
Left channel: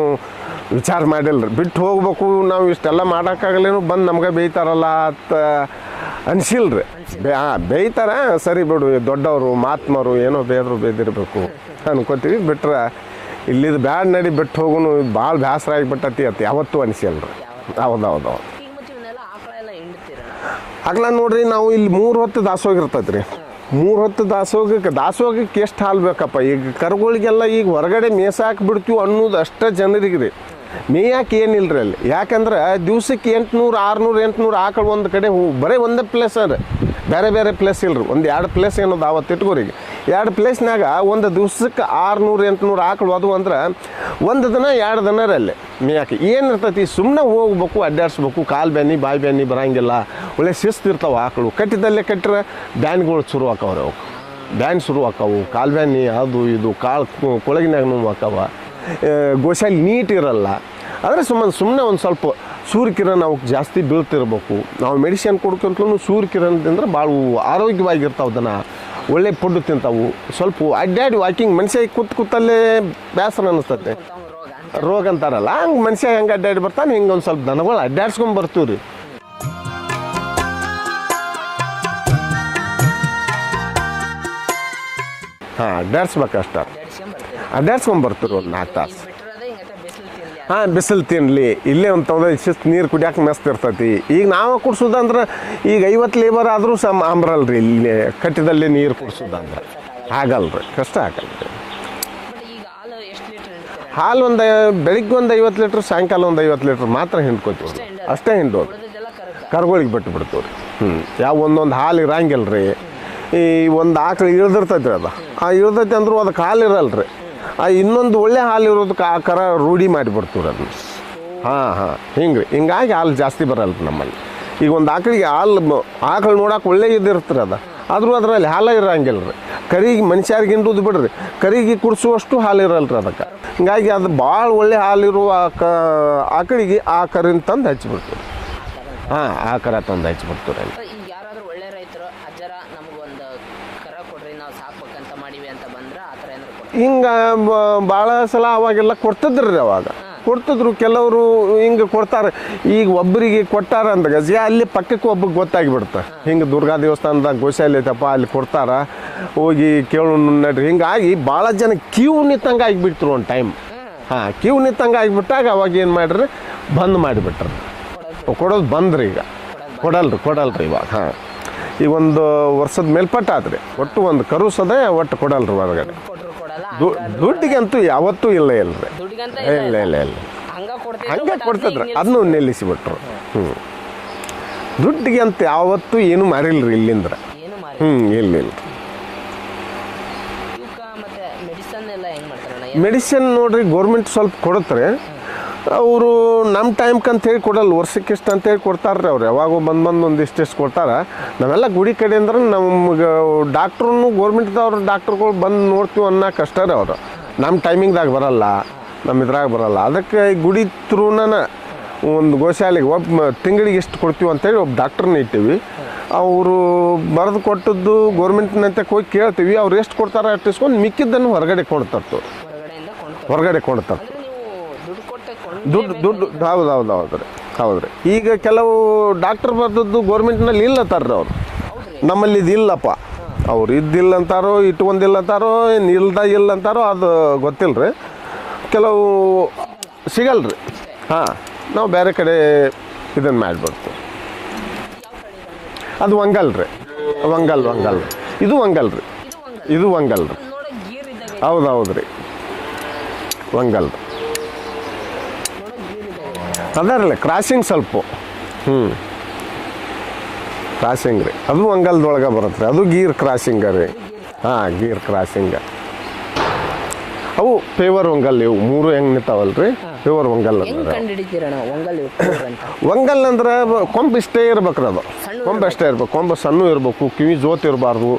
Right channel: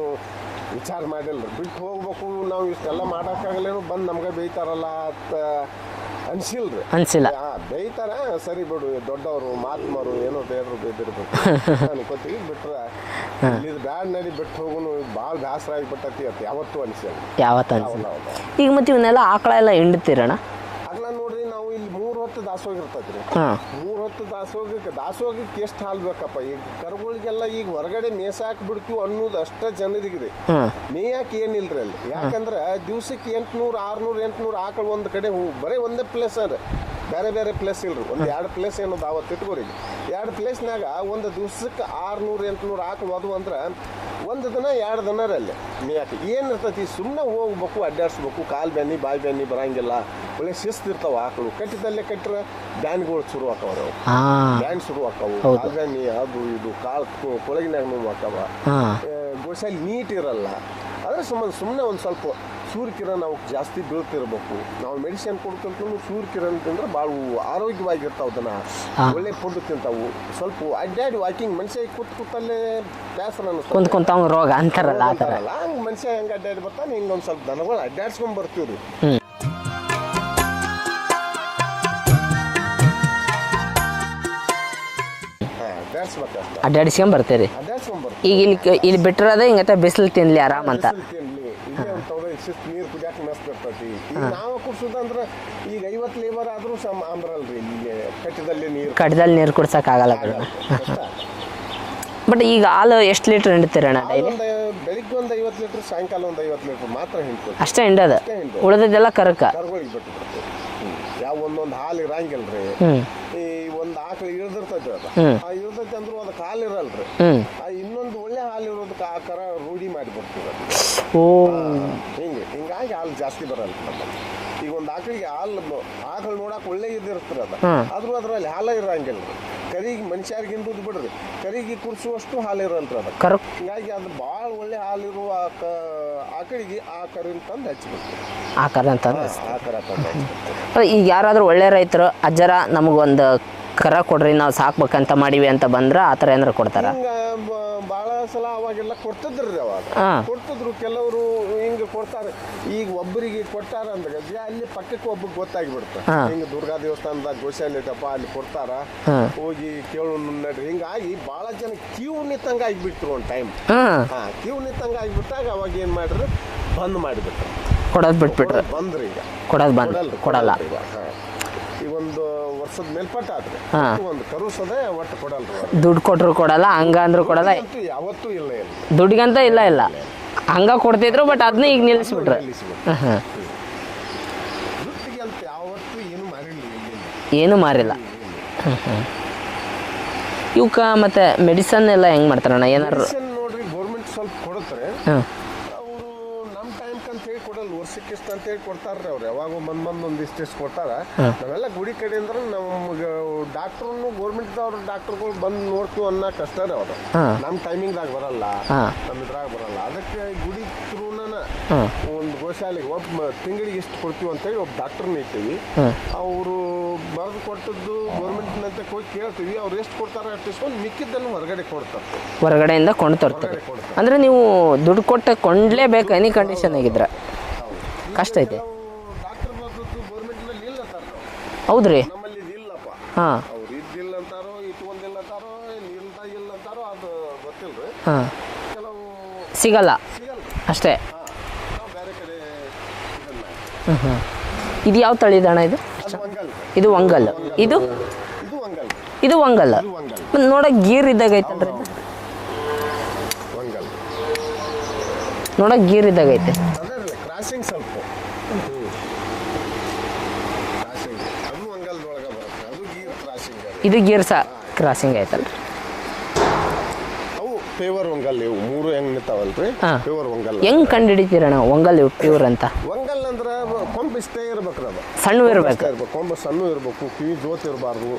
ವಿಚಾರ ಮಾಡಿಲ್ರಿ. ಬಿಟ್ಟು ಹೋಗ್ಬೇಕು ನಾವು ಇಷ್ಟೆಲ್ಲ ಮಾಡೋಕ್ಕಾಗಲೇನು ಬಂದು ನಮ್ಗೆ ಬೇಯ್ತಾರಲ್ಲ ಅಂತ ಅನ್ಸಿಲ್ರಿ. ಅನ್ಸಿಲ್ಲ. ಹಾ ಬೇಯ್ತಾರ ಸರಿ ಬಿಡು ದೊಡ್ಡವರು ಮಾತ್ಮರು ಏನೋ ಬೇದ್ರು ಬೇದಿರ್ಬೇಕು [laughs] ಅನ್ಕೋತೀವಿ. ಬಿಟ್ರೆ ಇಲ್ಲಿದ್ ಬ್ಯಾಡ್ ನಡಿ ಬಿಟ್ಟು ಹೋಗುನು ಭಾಳ ಬ್ಯಾಸರ ಆಗಿಬಿಟ್ಟತಿ ಅತ್ತ ಯಾವತ್ತೂ ಅನಿಸಿಲ್ರಿ ಯಾವತ್ತ ಹೌದು ಹೌದು ಈಗ ಮತ್ತೆ ಇವನ್ನೆಲ್ಲ ಆಕಳ ಎಲ್ಲ ಹಿಂಡ್ತೀರಣ್ಣ ಆಗ್ಲ ನೋಡ್ರಿ ನಾವು ಇಲ್ಲಿ ಮೂರು ಹೊತ್ತು ದಾಸೋಗ ಇರ್ತೈತ್ರಿ. ಮೂರು ಹೊತ್ತು ದಾಸೋಗಕ್ಕೆ ದಾಸೋಗಕ್ಕೆ ಎಷ್ಟು ಹಾಲು ಬೇಕಪ್ಪ? ಈಗ ಕರುಗಳಿಗೆಲ್ಲ ಈಗ ಹೊರಗಡೆ ಮೇಸಾಕ್ ಬಿಡ್ತೀವಿ ಅನ್ನೋದು ಅಷ್ಟ ಜನರಿಗೆ ರೀ ಮೇಯಾಕೆ ಏನಿಲ್ರಿ ಅಲ್ಲಿ. ಯಾಕಂದ್ರೆ ದಿವ್ಸಕ್ಕೆ ಎಂಟ್ನೂರು ಆರ್ನೂರು ಎಂಟ್ನೂರು ಆಕಳು ಒಂದು ಕಡೆ ಹೂ ಬರೀ ಒಂದೇ ಪ್ಲೇಸ್ ಅದ ಬೇರೆ ಬೇರೆ ಪ್ಲೇಸ್ ಇಲ್ರಿ. ಒಂದು ಎರಡು ಪ್ಲೇಸ್ ಏನೋದು ಅವತ್ತು ಇಟ್ಕೋರಿ. ಎರಡು ಪ್ಲೇಸ್ನಾಗ ಒಂದು ದಿವ್ಸಕ್ಕೆ ಆರುನೂರು ಎಂಟುನೂರು ಆಕಳು ಅದು ಅಂದ್ರೆ ಒಂದು ದಿನ ಎರಡು ದಿನ ರೀ ಅಲ್ಲಿ. ಮೇಯಾಕೆ ಏನಿರ್ತೈತಿ ಸುಮ್ಮನೆ ಹೋಗ್ಬೇಕು ಅಡ್ಡಾಡ್ಸ್ಬೇಕು. ಕಾಲು ಬ್ಯಾನಿ ಬಾಯಿ ಬ್ಯಾನಿ ಬರೋಂಗಿಲ್ಲ. ಒಳ್ಳೆ ಶಿಸ್ತು ಇರ್ತಾವೆ ಆಕಳು. ಕಟ್ಟಿದಲ್ಲೇ ಕಟ್ಟರೆ ಬ್ಯಾನ್ಗಳು ಶುರು ಆಕಾವ್ರಿ ಅವು. ಹಾ. ಬ್ಯಾನ್ ಶುರು ಆಕಾವು. ಕಾಲು ಬ್ಯಾನಿ ಅದು ಇದು ಕಾಳು ಕೊಳಗಿನಾಗ ನೋವು ಆಕಾವ. ಗೋಶಾಲಿ ನೀಟ್ ಇರಲ್ಲ. ಆದರೆ ಸುಮ್ಮನೆ ಸುಮ್ಮನೆ ಒಂದು ಸ್ವಲ್ಪ ಸೂರ್ಯಕಿರಣ ಅವಕ್ಕೆ ಜಾಸ್ತಿ ಬೀಳ್ತಿರ್ಬೇಕು. ನಾವು ಮೆಡಿಸಿನ್ ಕೊಡ್ಕೊಂತಲೂ ಸೂರ್ಯಕಿರಣ ತಿಂದ್ರೆ ಭಾಳ ಆರೋಗ್ಯವಾಗಿರ್ತಾವ ದನ. ಒಳ್ಳೆ ಫುಡ್ ತಿಂತಾವು. ಸ್ವಲ್ಪ ಅಡ್ಡಾಡಿ ವಾಕಿಂಗ್ ಮನುಷ್ಯ ಕೂತ್ ಕೂತಲ್ಲೇ ಬೇಸರ ಅನಿಸ್ತದೆ ರೋಗ ಅಂತಾರ ರೋಗ ಅಂತಾರಲ್ಲ ಹಂಗೆ ಮನುಷ್ಯ ಹೆಂಗೆ ಅಡ್ಡಾಡಿ ಬರ್ತಾನೆ ಹಿಂಗೆ ಒಂದು ಸ್ವಲ್ಪ ದನಗಳು ಅಡ್ಡಾಡ್ಸ್ಕೊಂಡ್ ಬರ್ತೀವಿ ರೀ ಹಾಂ ಅಡ್ಡಾಡ್ಸ್ಬೇಕಷ್ಟ. ಅಡ್ಡಾಡಿಸ್ಕೊಂಡ್ ಬರ್ತೀರಿ ಅಡ್ಡಾಡ್ಸ್ಕೊಂಡ್ ಈಗ ಬರ್ತೀವಿ ಇಲ್ಲಿ ಇಲ್ಲಿ ಬಿಟ್ಟಿರೋದೇ ಹಿಂಗತ್ತ ಬಿಸಿಲು ತಿನ್ಲಿ ಹಾ ಬಿಸಿಲು ತಿನ್ಲಿ. ಇಲ್ಲೇ ಒಂದು ತಗೊಂಡ ಶಿಸ್ತು ನೀರು ಕುಡಿಯಾಕ ಮೆಸ್ತ್ ಇರ್ತೈತಿ. ಈಗ ನಾವು ಕುಡ್ಸೋದಂದ್ರ ಈಗ ಐವತ್ತು ಲೇಬರ್ ಆದ್ರೂ ಸಮ ಅಂಬ್ರಲ್ರಿ ಇಲ್ಲಿ ಕಟ್ಟಿದಲ್ಲಿ ನೀರು ಕಟ್ಟದಲ್ಲಿ ನೀರು ಕುಡ್ಸಕ್ ಆಗಲ್ಲ. ಆಗಲ್ರಿ ಕಷ್ಟ ಆಗಲ್ಲ ಬಟ್ ಈಗ ಹಾಲು ಎಷ್ಟು ಲೀಟರ್ ಹಿಂಡ್ತೀರಣ್ಣ? ಹಾಲು ಒಂದು ಬೆಳಿಗ್ಗೆ ಒಂದು ಐವತ್ತು ಲೀಟರ್ ಸಾಯಂಕಾಲ ಒಂದು ಐವತ್ತು ಲೀಟರ್ ಮಾತ್ರ ಹಿಂಡ್ಕೋತೀವಿ. ಅಷ್ಟೇ ಹಿಂಡೋದು? ಅಷ್ಟೇ ಹಿಂಡು ಉಳಿದದ್ದೆಲ್ಲ ಕರಕ? ಕರಗೋಳಿಗೆ ಬಿಟ್ಟು ಬಿಡ್ತೀವಿ ಯಾವ ಒಂದೊಂದು ಹಾಲು ಇರಂಗಿಲ್ರಿ. ಈ ಒಂದು ಆಕಳು ಇಳ್ದಿರ್ತೈತಿ ಅದ. ಆ ಇಳ್ದೈತಿ ಅಂದ್ರೂ ಅದಕ್ಕೆ ಹಾಲು ಇರಲ್ರಿ. ಆ ಇನ್ನೊಂದು ಒಳ್ಳೆ ಹಾಲು ಇರೋದಕ್ಕೆ ಆ ಕರ ರೂಢಿ ಮಾಡಿಬಿಡ್ತೀವಿ ಅದನ್ನ ಓ. ಹಾ ಹಾ. ಹಿಂಗ್ರಿ. ಹಿಂಗಾಗಿ ಹಾಲು ಜಾಸ್ತಿ ಬರಲ್ರಿ ನಮ್ಮಲ್ಲಿ. ಈಗ ಒಂದು ಆಕಳಿಗೆ ಹಾಲು ಆಕಳು ನೋಡಕ್ಕೆ ಒಳ್ಳೆ ಇದಿರ್ತೀರಿ ಅದ. ಆದ್ರೂ ಅದರಲ್ಲಿ ಹಾಲ ಇರಂಗಿಲ್ರಿ. ಕರಿಗೆ ಮನುಷ್ಯರಿಗೆ ಹಿಂಡುದು ಬಿಡ್ರಿ. ಕರಿಗೆ ಕುಡಿಸುವಷ್ಟು ಹಾಲು ಇರಲ್ರಿ ಅದಕ್ಕೆ. ಕರ ಹಿಂಗಾಗಿ ಅದು ಭಾಳ ಒಳ್ಳೆ ಹಾಲಿರುವ ಕ ಆಕಳಿಗೆ ಆ ಕರಿನ ತಂದು ಹಚ್ಚಿಬಿಡ್ತೀವಿ ಆಕಾರ ಅಂತ ಹಾ ಆ ಕರ ತಂದು ಹಚ್ಬಿಡ್ತಾರೆ. ಈಗ ಯಾರಾದರೂ ಒಳ್ಳೆ ರೈತರು ಅಜ್ಜರ ನಮಗೊಂದು ಕರ ಕೊಡ್ರಿ ನಾವು ಸಾಕ್ಬೇಕಂತ ಮಾಡಿವಿ ಅಂತ ಬಂದ್ರ ಆ ಥರ ಏನಾರ ಕೊಡ್ತಾರೆ? ಹಿಂಗ ಭಾಳ ಸಲ ಅವಾಗೆಲ್ಲ ಕೊಡ್ತಿದ್ರಿ ಅವಾಗ. ಕೊಡ್ತಿದ್ರು ಕೆಲವರು ಹಿಂಗ ಕೊಡ್ತಾರೆ. ಈಗ ಒಬ್ಬರಿಗೆ ಕೊಟ್ಟಾರ ಅಂತ ಗಜ ಅಲ್ಲಿ ಪಕ್ಕಕ್ಕೆ ಒಬ್ಬ ಗೊತ್ತಾಗ್ಬಿಡುತ್ತೆ ಹಿಂಗ ದುರ್ಗಾ ದೇವಸ್ಥಾನದಾಗ ಗೋಶಾಲೆ ಐತಪ್ಪ ಅಲ್ಲಿ ಕೊಡ್ತಾರ. ಹೋಗಿ ಕೇಳು ನಡ್ರಿ. ಹಿಂಗಾಗಿ ಭಾಳ ಜನ ಕ್ಯೂ ನಿತ್ತಂಗ ಆಗಿಬಿಡ್ತರು ಒಂದು ಟೈಮ್ ಹಾ. ಕ್ಯೂ ನಿತ್ತಂಗ ಆಗಿಬಿಟ್ಟಾಗ ಅವಾಗ ಏನು ಮಾಡ್ರಿ? ಬಂದ್ ಮಾಡಿಬಿಟ್ರು. ಕೊಡೋದ್ ಬಿಟ್ಟು ಕೊಡೋದು ಬಂದ್ರಿ ಈಗ. ಕೊಡೋದು ಕೊಡಲ್ರಿ ಕೊಡಲ್ರಿ ಇವಾಗ ಹಾ. ಈಗ ಒಂದು ವರ್ಷದ ಮೇಲ್ಪಟ್ಟ ಆದ್ರೆ ಒಟ್ಟು ಒಂದು ಕರುಸದೆ ಒಟ್ಟು ಕೊಡಲ್ರಿ ಇವಾಗ. ದುಡ್ಡು ಕೊಟ್ರು ಕೊಡಲ್ಲ ಹಂಗ ಅಂದ್ರೆ ಕೊಡಲ್ಲ. ದುಡ್ಡಿಗಂತೂ ಯಾವತ್ತೂ ಇಲ್ಲ ಇಲ್ರಿ. ದುಡ್ಡಿಗಂತ ಇಲ್ಲ ಇಲ್ಲ ಇಲ್ಲ, ಇಲ್ಲ. ಹಂಗ ಕೊಡ್ತಿದ್ರು ಬಟ್ ಅದನ್ನ ಈಗ ಅದನ್ನು ನಿಲ್ಲಿಸ್ಬಿಟ್ರು. ನಿಲ್ಲಿಸಿಬಿಟ್ಟು ದುಡ್ಡಿಗೆ ಅಂತ ಯಾವತ್ತೂ ಏನು ಮಾರಿಲ್ರಿ ಇಲ್ಲಿಂದ್ರ. ಏನು ಮಾರಿಲ್ಲ. ಇಲ್ಲ ಇಲ್ಲ. ಇವಕ್ಕ ಮತ್ತೆ ಮೆಡಿಸನ್ ಎಲ್ಲ ಹೆಂಗ್ ಮಾಡ್ತಾರಣ್ಣ? ಏನು ಮೆಡಿಸಿನ್ ನೋಡ್ರಿ ಗೌರ್ಮೆಂಟ್ ಸ್ವಲ್ಪ ಕೊಡುತ್ತಾರೆ ಅವರು ನಮ್ಮ ಟೈಮ್ಗೆ ಅಂತ ಹೇಳಿ ಕೊಡಲ್ಲ ವರ್ಷಕ್ಕೆ ಇಷ್ಟು ಅಂತ ಹೇಳಿ ಕೊಡ್ತಾರ್ರಿ ಅವ್ರು. ಯಾವಾಗ ಬಂದು ಬಂದು ಒಂದು ಇಷ್ಟಿಷ್ಟು ಕೊಡ್ತಾರ. ನಾವೆಲ್ಲ ಗುಡಿ ಕಡೆ ಅಂದ್ರೆ ನಮ್ಗೆ ಡಾಕ್ಟ್ರು ಗೌರ್ಮೆಂಟ್ದವ್ರು ಡಾಕ್ಟ್ರುಗಳು ಬಂದು ನೋಡ್ತೀವಿ ಅನ್ನೋ ಕಷ್ಟ ರೀ ಅವರು ನಮ್ಮ ಟೈಮಿಂಗ್ದಾಗ ಬರಲ್ಲ ನಮ್ಮ ಇದ್ರಾಗ ಬರಲ್ಲ. ಅದಕ್ಕೆ ಈ ಗುಡಿ ತ್ರೂನ ಒಂದು ಗೋಶಾಲೆಗೆ ಒಬ್ಬ ತಿಂಗಳಿಗೆ ಎಷ್ಟು ಕೊಡ್ತೀವಿ ಅಂತೇಳಿ ಒಬ್ಬ ಡಾಕ್ಟ್ರನ್ನ ಇಟ್ಟಿವಿ. ಅವರು ಬರೆದು ಕೊಟ್ಟದ್ದು ಗೌರ್ಮೆಂಟ್ನಂತೆ ಹೋಗಿ ಕೇಳ್ತೀವಿ. ಅವ್ರು ಎಷ್ಟು ಕೊಡ್ತಾರೆ ಅಷ್ಟು ಇಸ್ಕೊಂಡು ಮಿಕ್ಕಿದ್ದನ್ನು ಹೊರಗಡೆ ಕೊಡ್ತತ್ತು. ಹೊರಗಡೆಯಿಂದ ಕೊಡ್ತಾರೆ ಹೊರಗಡೆ ಕೊಡ್ತಾರೆ ಅಂದ್ರೆ ನೀವು ದುಡ್ಡು ಕೊಟ್ಟ ಕೊಂಡ್ಲೇಬೇಕು ಎನಿ ಕಂಡೀಷನ್ ಆಗಿದ್ರೆ ಹೌದ್ರಿ. ಈಗ. ಕೆಲವು ಡಾಕ್ಟರ್ ಬರ್ದದ್ದು ನಲ್ಲಿ ಇಲ್ಲ ತರ್ರಿ ಅವ್ರು. ಹೌದ್ರಿ. ನಮ್ಮಲ್ಲಿ ಇದು ಇಲ್ಲಪ್ಪ. ಅವ್ರು ಇದ್ದಿಲ್ಲ ಅಂತಾರೋ ಇಟ್ಕೊಂಡಿಲ್ಲ ಅಂತಾರೋ ಏನ್ ಇಲ್ದ ಇಲ್ಲ ಅಂತಾರೋ ಅದು ಗೊತ್ತಿಲ್ರಿ. ಕೆಲವು ಸಿಗಲ್ಲ. ಸಿಗಲ್ರಿ. ಅಷ್ಟೇ. ಹಾ. ನಾವು ಬೇರೆ ಕಡೆ ಇದನ್ನ ಮಾಡ್ಬೋದು. ಇದು ಯಾವ ತಳಿ ತಳಿದಣ್ಣ ಇದು? ಅದು ವಂಗಲ್ರಿ ಇದು ವಂಗಲ್ ವಂಗಲ್ ಇದು? ವಂಗಲ್ ರೀ. ಇದು ವಂಗಲ್ ಇದು ವಂಗಲ್ ನೋಡಕ್ ಗೀರ್ ಇದ್ದಾಗ ಹೌದು ಹೌದ್ರಿ ವಂಗಲ್ ನೋಡಕ್ ಗೀರ್ ಇದ್ದಾಗ ಐತೆ. ಅದಾರಲ್ಲ ಕ್ರಾಸಿಂಗ್ ಸ್ವಲ್ಪ. ಹ್ಞೂ ಕ್ರಾಸಿಂಗ್ ರೀ. ಅದು ಅಂಗಲ್ದೊಳಗೆ ಬರುತ್ತೆ ಅದು ಗೀರ್ ಕ್ರಾಸಿಂಗ್ ರೀ. ಇದು ಗೀರ್ ಸಾ? ಹಾಂ ಗೀರ್ ಕ್ರಾಸಿಂಗ್. ಅವು ಪೇವರ್ ಒಂಗಲ್ ಇವು. ಮೂರು ಹೆಂಗ್ ನಿಂತಾವಲ್ರಿ. ಪೇವರ್ ಒಂಗಲ್ ಹೆಂಗ್ ಕಂಡು ನಾವು ಒಂಗಲ್ ಪೇವರ್ ಅಂತ? ಒಂಗಲ್ ಅಂದ್ರೆ ಕೊಂಬ್ ಇಷ್ಟೇ ಇರ್ಬೇಕ್ರಿ ಅದು. ಸಣ್ಣ ಇರ್ಬೇಕು. ಅಷ್ಟೇ ಇರ್ಬೇಕು. ಕೊಂಬ ಸಣ್ಣ ಇರ್ಬೇಕು. ಕಿವಿ ಜೋತ್ ಇರಬಾರ್ದು.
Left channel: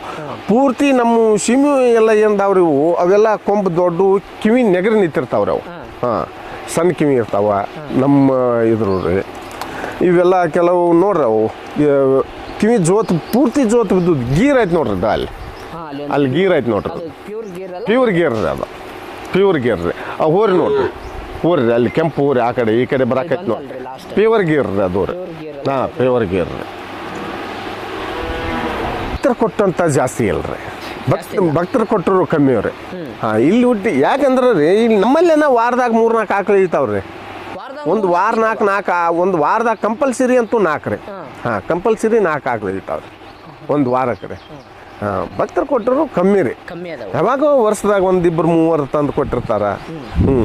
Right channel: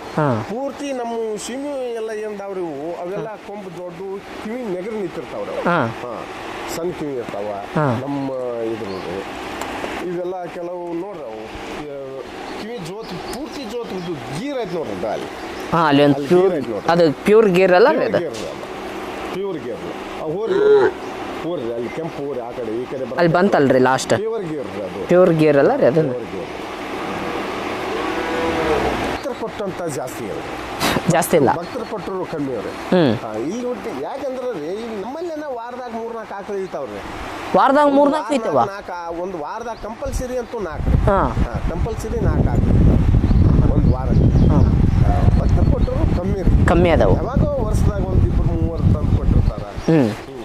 ಪೂರ್ತಿ ನಮ್ಮ ಸಿಮಿ ಎಲ್ಲ ಏನ್ದಾವ್ರಿ ಇವು? ಅವೆಲ್ಲ ಕೊಂಬ್ ದೊಡ್ಡ ಕಿವಿ ನೆಗರಿ ನಿಂತಿರ್ತಾವ್ರಿ ಅವು. ಹಾ. ಸಣ್ಣ ಕಿವಿ ಇರ್ತಾವ ನಮ್ಮ ಇದ್ರು ರೀ ಇವೆಲ್ಲ ಕೆಲವು ನೋಡ್ರಿ ಅವು ಕಿವಿ ಜೋತ್ ಪೂರ್ತಿ ಜೋತ್ ಬಿದ್ದು ಗೀರ್ ಐತೆ ನೋಡ್ರಿ ಅಲ್ಲಿ. ಅಲ್ಲಿ ಗೀರ್ ಐತೆ ನೋಡ್ರಿ. ಅದು ಪ್ಯೂರ್ ಗೀರ್ ಅಲ್ಲ ಪ್ಯೂರ್ ಗೇರ್ ರೀ ಅದು. ಪ್ಯೂರ್ ಗೇರ್ ರೀ. ಆ ಹೋರಿ ನೋಡ್ರಿ. ಹೋರಿ ಅಲ್ಲಿ ಕೆಂಪು ಹೋರಿ ಆ ಕಡೆ ಈ ಕಡೆ ಬರ ಬಂತಲ್ರಿ ಲಾಸ್ಟ್ ಪ್ಯೂರ್ ಗೀರ್ ರೀ ಅದು. ಪ್ಯೂರ್ ಗೀರ್ ಅಲ್ಲ ಪ್ಯೂರ್ ಗೇರ್ ರೀ. ಕೊಟ್ಟಂತ ಜಾಸ್ತಿ ಇಲ್ರಿ. ಜಾಸ್ತಿ ಇಲ್ಲ. ಭಕ್ತರು ಕೊಟ್ಟರು ಕಮ್ಮಿ ಅವ್ರಿ. ಇಲ್ಲಿ ಹುಟ್ಟಿ ಯಾಕಂದ್ರೆ ರೀ ಇಲ್ಲಿ ನಮ್ಮಲ್ಲೇನ ವಾರದಾಗ ಮೂರ್ ನಾಲ್ಕು ಆಕಳು ಇರ್ತಾವ್ರಿ ವಾರದಾಗ ಒಂದು ಮೂರ್ ವಾರ ನಾಲ್ಕು ನಾಲ್ಕು ಒಂದು ವಾರದಾಗ ಕಂಪಲ್ಸರಿ ಅಂತೂ ನಾಲ್ಕು ರೀ. ಹಾ. ಕಂಪಲ್ಸರಿ ನಾಲ್ಕು ಆಕಳು ಇರ್ತಾವ್ರಿ ಒಂದು ವಾರಕ್ಕೆ ರೀ. ಹಾಂ ಭಕ್ತರು ಕೊಟ್ಟರು ಕಮ್ಮಿ ರೀ. ಕಮ್ಮಿ ಅದಾವ. ಯಾವಾಗ ವರ್ಷದಾಗ ಒಂದಿಬ್ಬರು ಮೂವರು ತಂದು ಕೊಟ್ಟಿರ್ತಾರ. ಹ್ಞೂ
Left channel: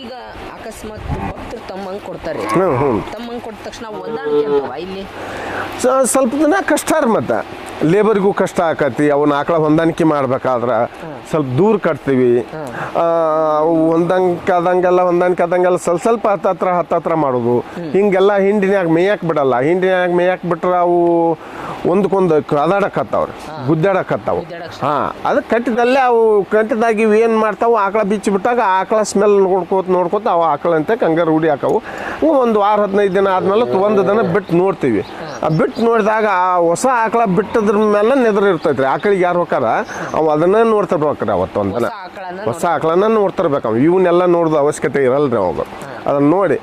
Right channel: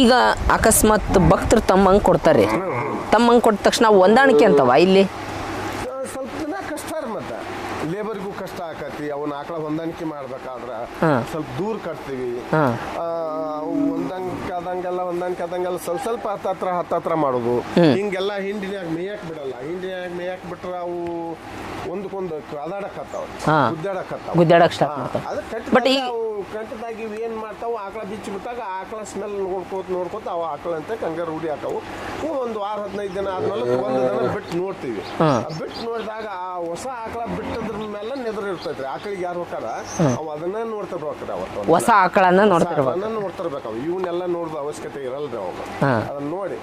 ಈಗ ಅಕಸ್ಮಾತ್ ಭಕ್ತರು ತಮ್ಮಂಗ್ ಕೊಡ್ತಾರೆ. ತಮ್ಮಂಗೆ ಕೊಟ್ಟ ತಕ್ಷಣ ಹೊಂದಾಣಿಕೆ ಅಂತವ ಇಲ್ಲಿ? ಸ್ವಲ್ಪ ದಿನ ಕಷ್ಟ ರೀ ಮತ್ತೆ. ಲೇಬರ್ಗೂ ಕಷ್ಟ ಆಕತಿ ಅವನ್ನ ಆಕಳ ಹೊಂದಾಣಿಕೆ ಮಾಡ್ಬೇಕಾದ್ರ. ಸ್ವಲ್ಪ ದೂರ ಕಟ್ತೀವಿ. ಹೊಂದಾಣಿಕೆ ಆದಂಗೆಲ್ಲ ಹೊಂದಾಣಿಕೆ ಆದಂಗೆಲ್ಲ ಸ್ವಲ್ಪ ಸ್ವಲ್ಪ ಹತ್ತತ್ರ ಹತ್ತತ್ರ ಮಾಡೋದು. ಹಿಂಗೆಲ್ಲ ಹಿಂಡಿನ್ಯಾಗ ಮೇಯಕ್ ಬಿಡಲ್ಲ. ಹಿಂಡಿನ್ಯಾಗ ಮೇಯಕ್ ಬಿಟ್ರೆ ಅವು ಒಂದಕ್ಕೊಂದು ಅದಾಡಕತ್ತಾವ್ರಿ ಹಾ. ಗುದ್ದಾಡಕತ್ತಾವ ಅದು ಕಟ್ಟಿದಲ್ಲಿ ಅವು ಕಟ್ಟಿದಾಗ ಇವು ಏನು ಮಾಡ್ತಾವು ಆಕಳ ಬಿಚ್ಚಿ ಬಿಟ್ಟಾಗ ಆಕಳ ಸ್ಮೆಲ್ ನೋಡ್ಕೋತ ನೋಡ್ಕೋತ ಅವು ಆಕಳ ಅಂತ ಕಂಗಾರ ರೂಢಿ ಹಾಕವು. ಒಂದು ವಾರ ಹದಿನೈದು ದಿನ ಆದ್ಮೇಲೆ ಒಂದು ದಿನ ಬಿಟ್ಟು ನೋಡ್ತೀವಿ. ಆ ಬಿಟ್ಟು ನೋಡಿದಾಗ ಆ ಹೊಸ ಆಕಳ ಬಿಟ್ಟದ್ರ ಮೇಲೆ ನೆದ್ರ ಇರ್ತೈತ್ರಿ. ಆಕಳಿಗೆ ಯಾರು ಹೋಕಾರ ಅವ್ ಅದನ್ನ ನೋಡ್ತಿರ್ಬೇಕ್ರಿ ಅವತ್ತು ಒಂದು ಹೊಸ ಆಕಳನ್ನ ಹೊಸ ನೋಡ್ತಿರ್ಬೇಕು. ಆಕಳನ್ನ ನೋಡ್ತಿರ್ಬೇಕು ಇವನ್ನೆಲ್ಲ ನೋಡ್ದ ಅವಶ್ಯಕತೆ ಇರಲ್ರಿ ಅವಾಗ. ಅದನ್ನ ನೋಡಿ.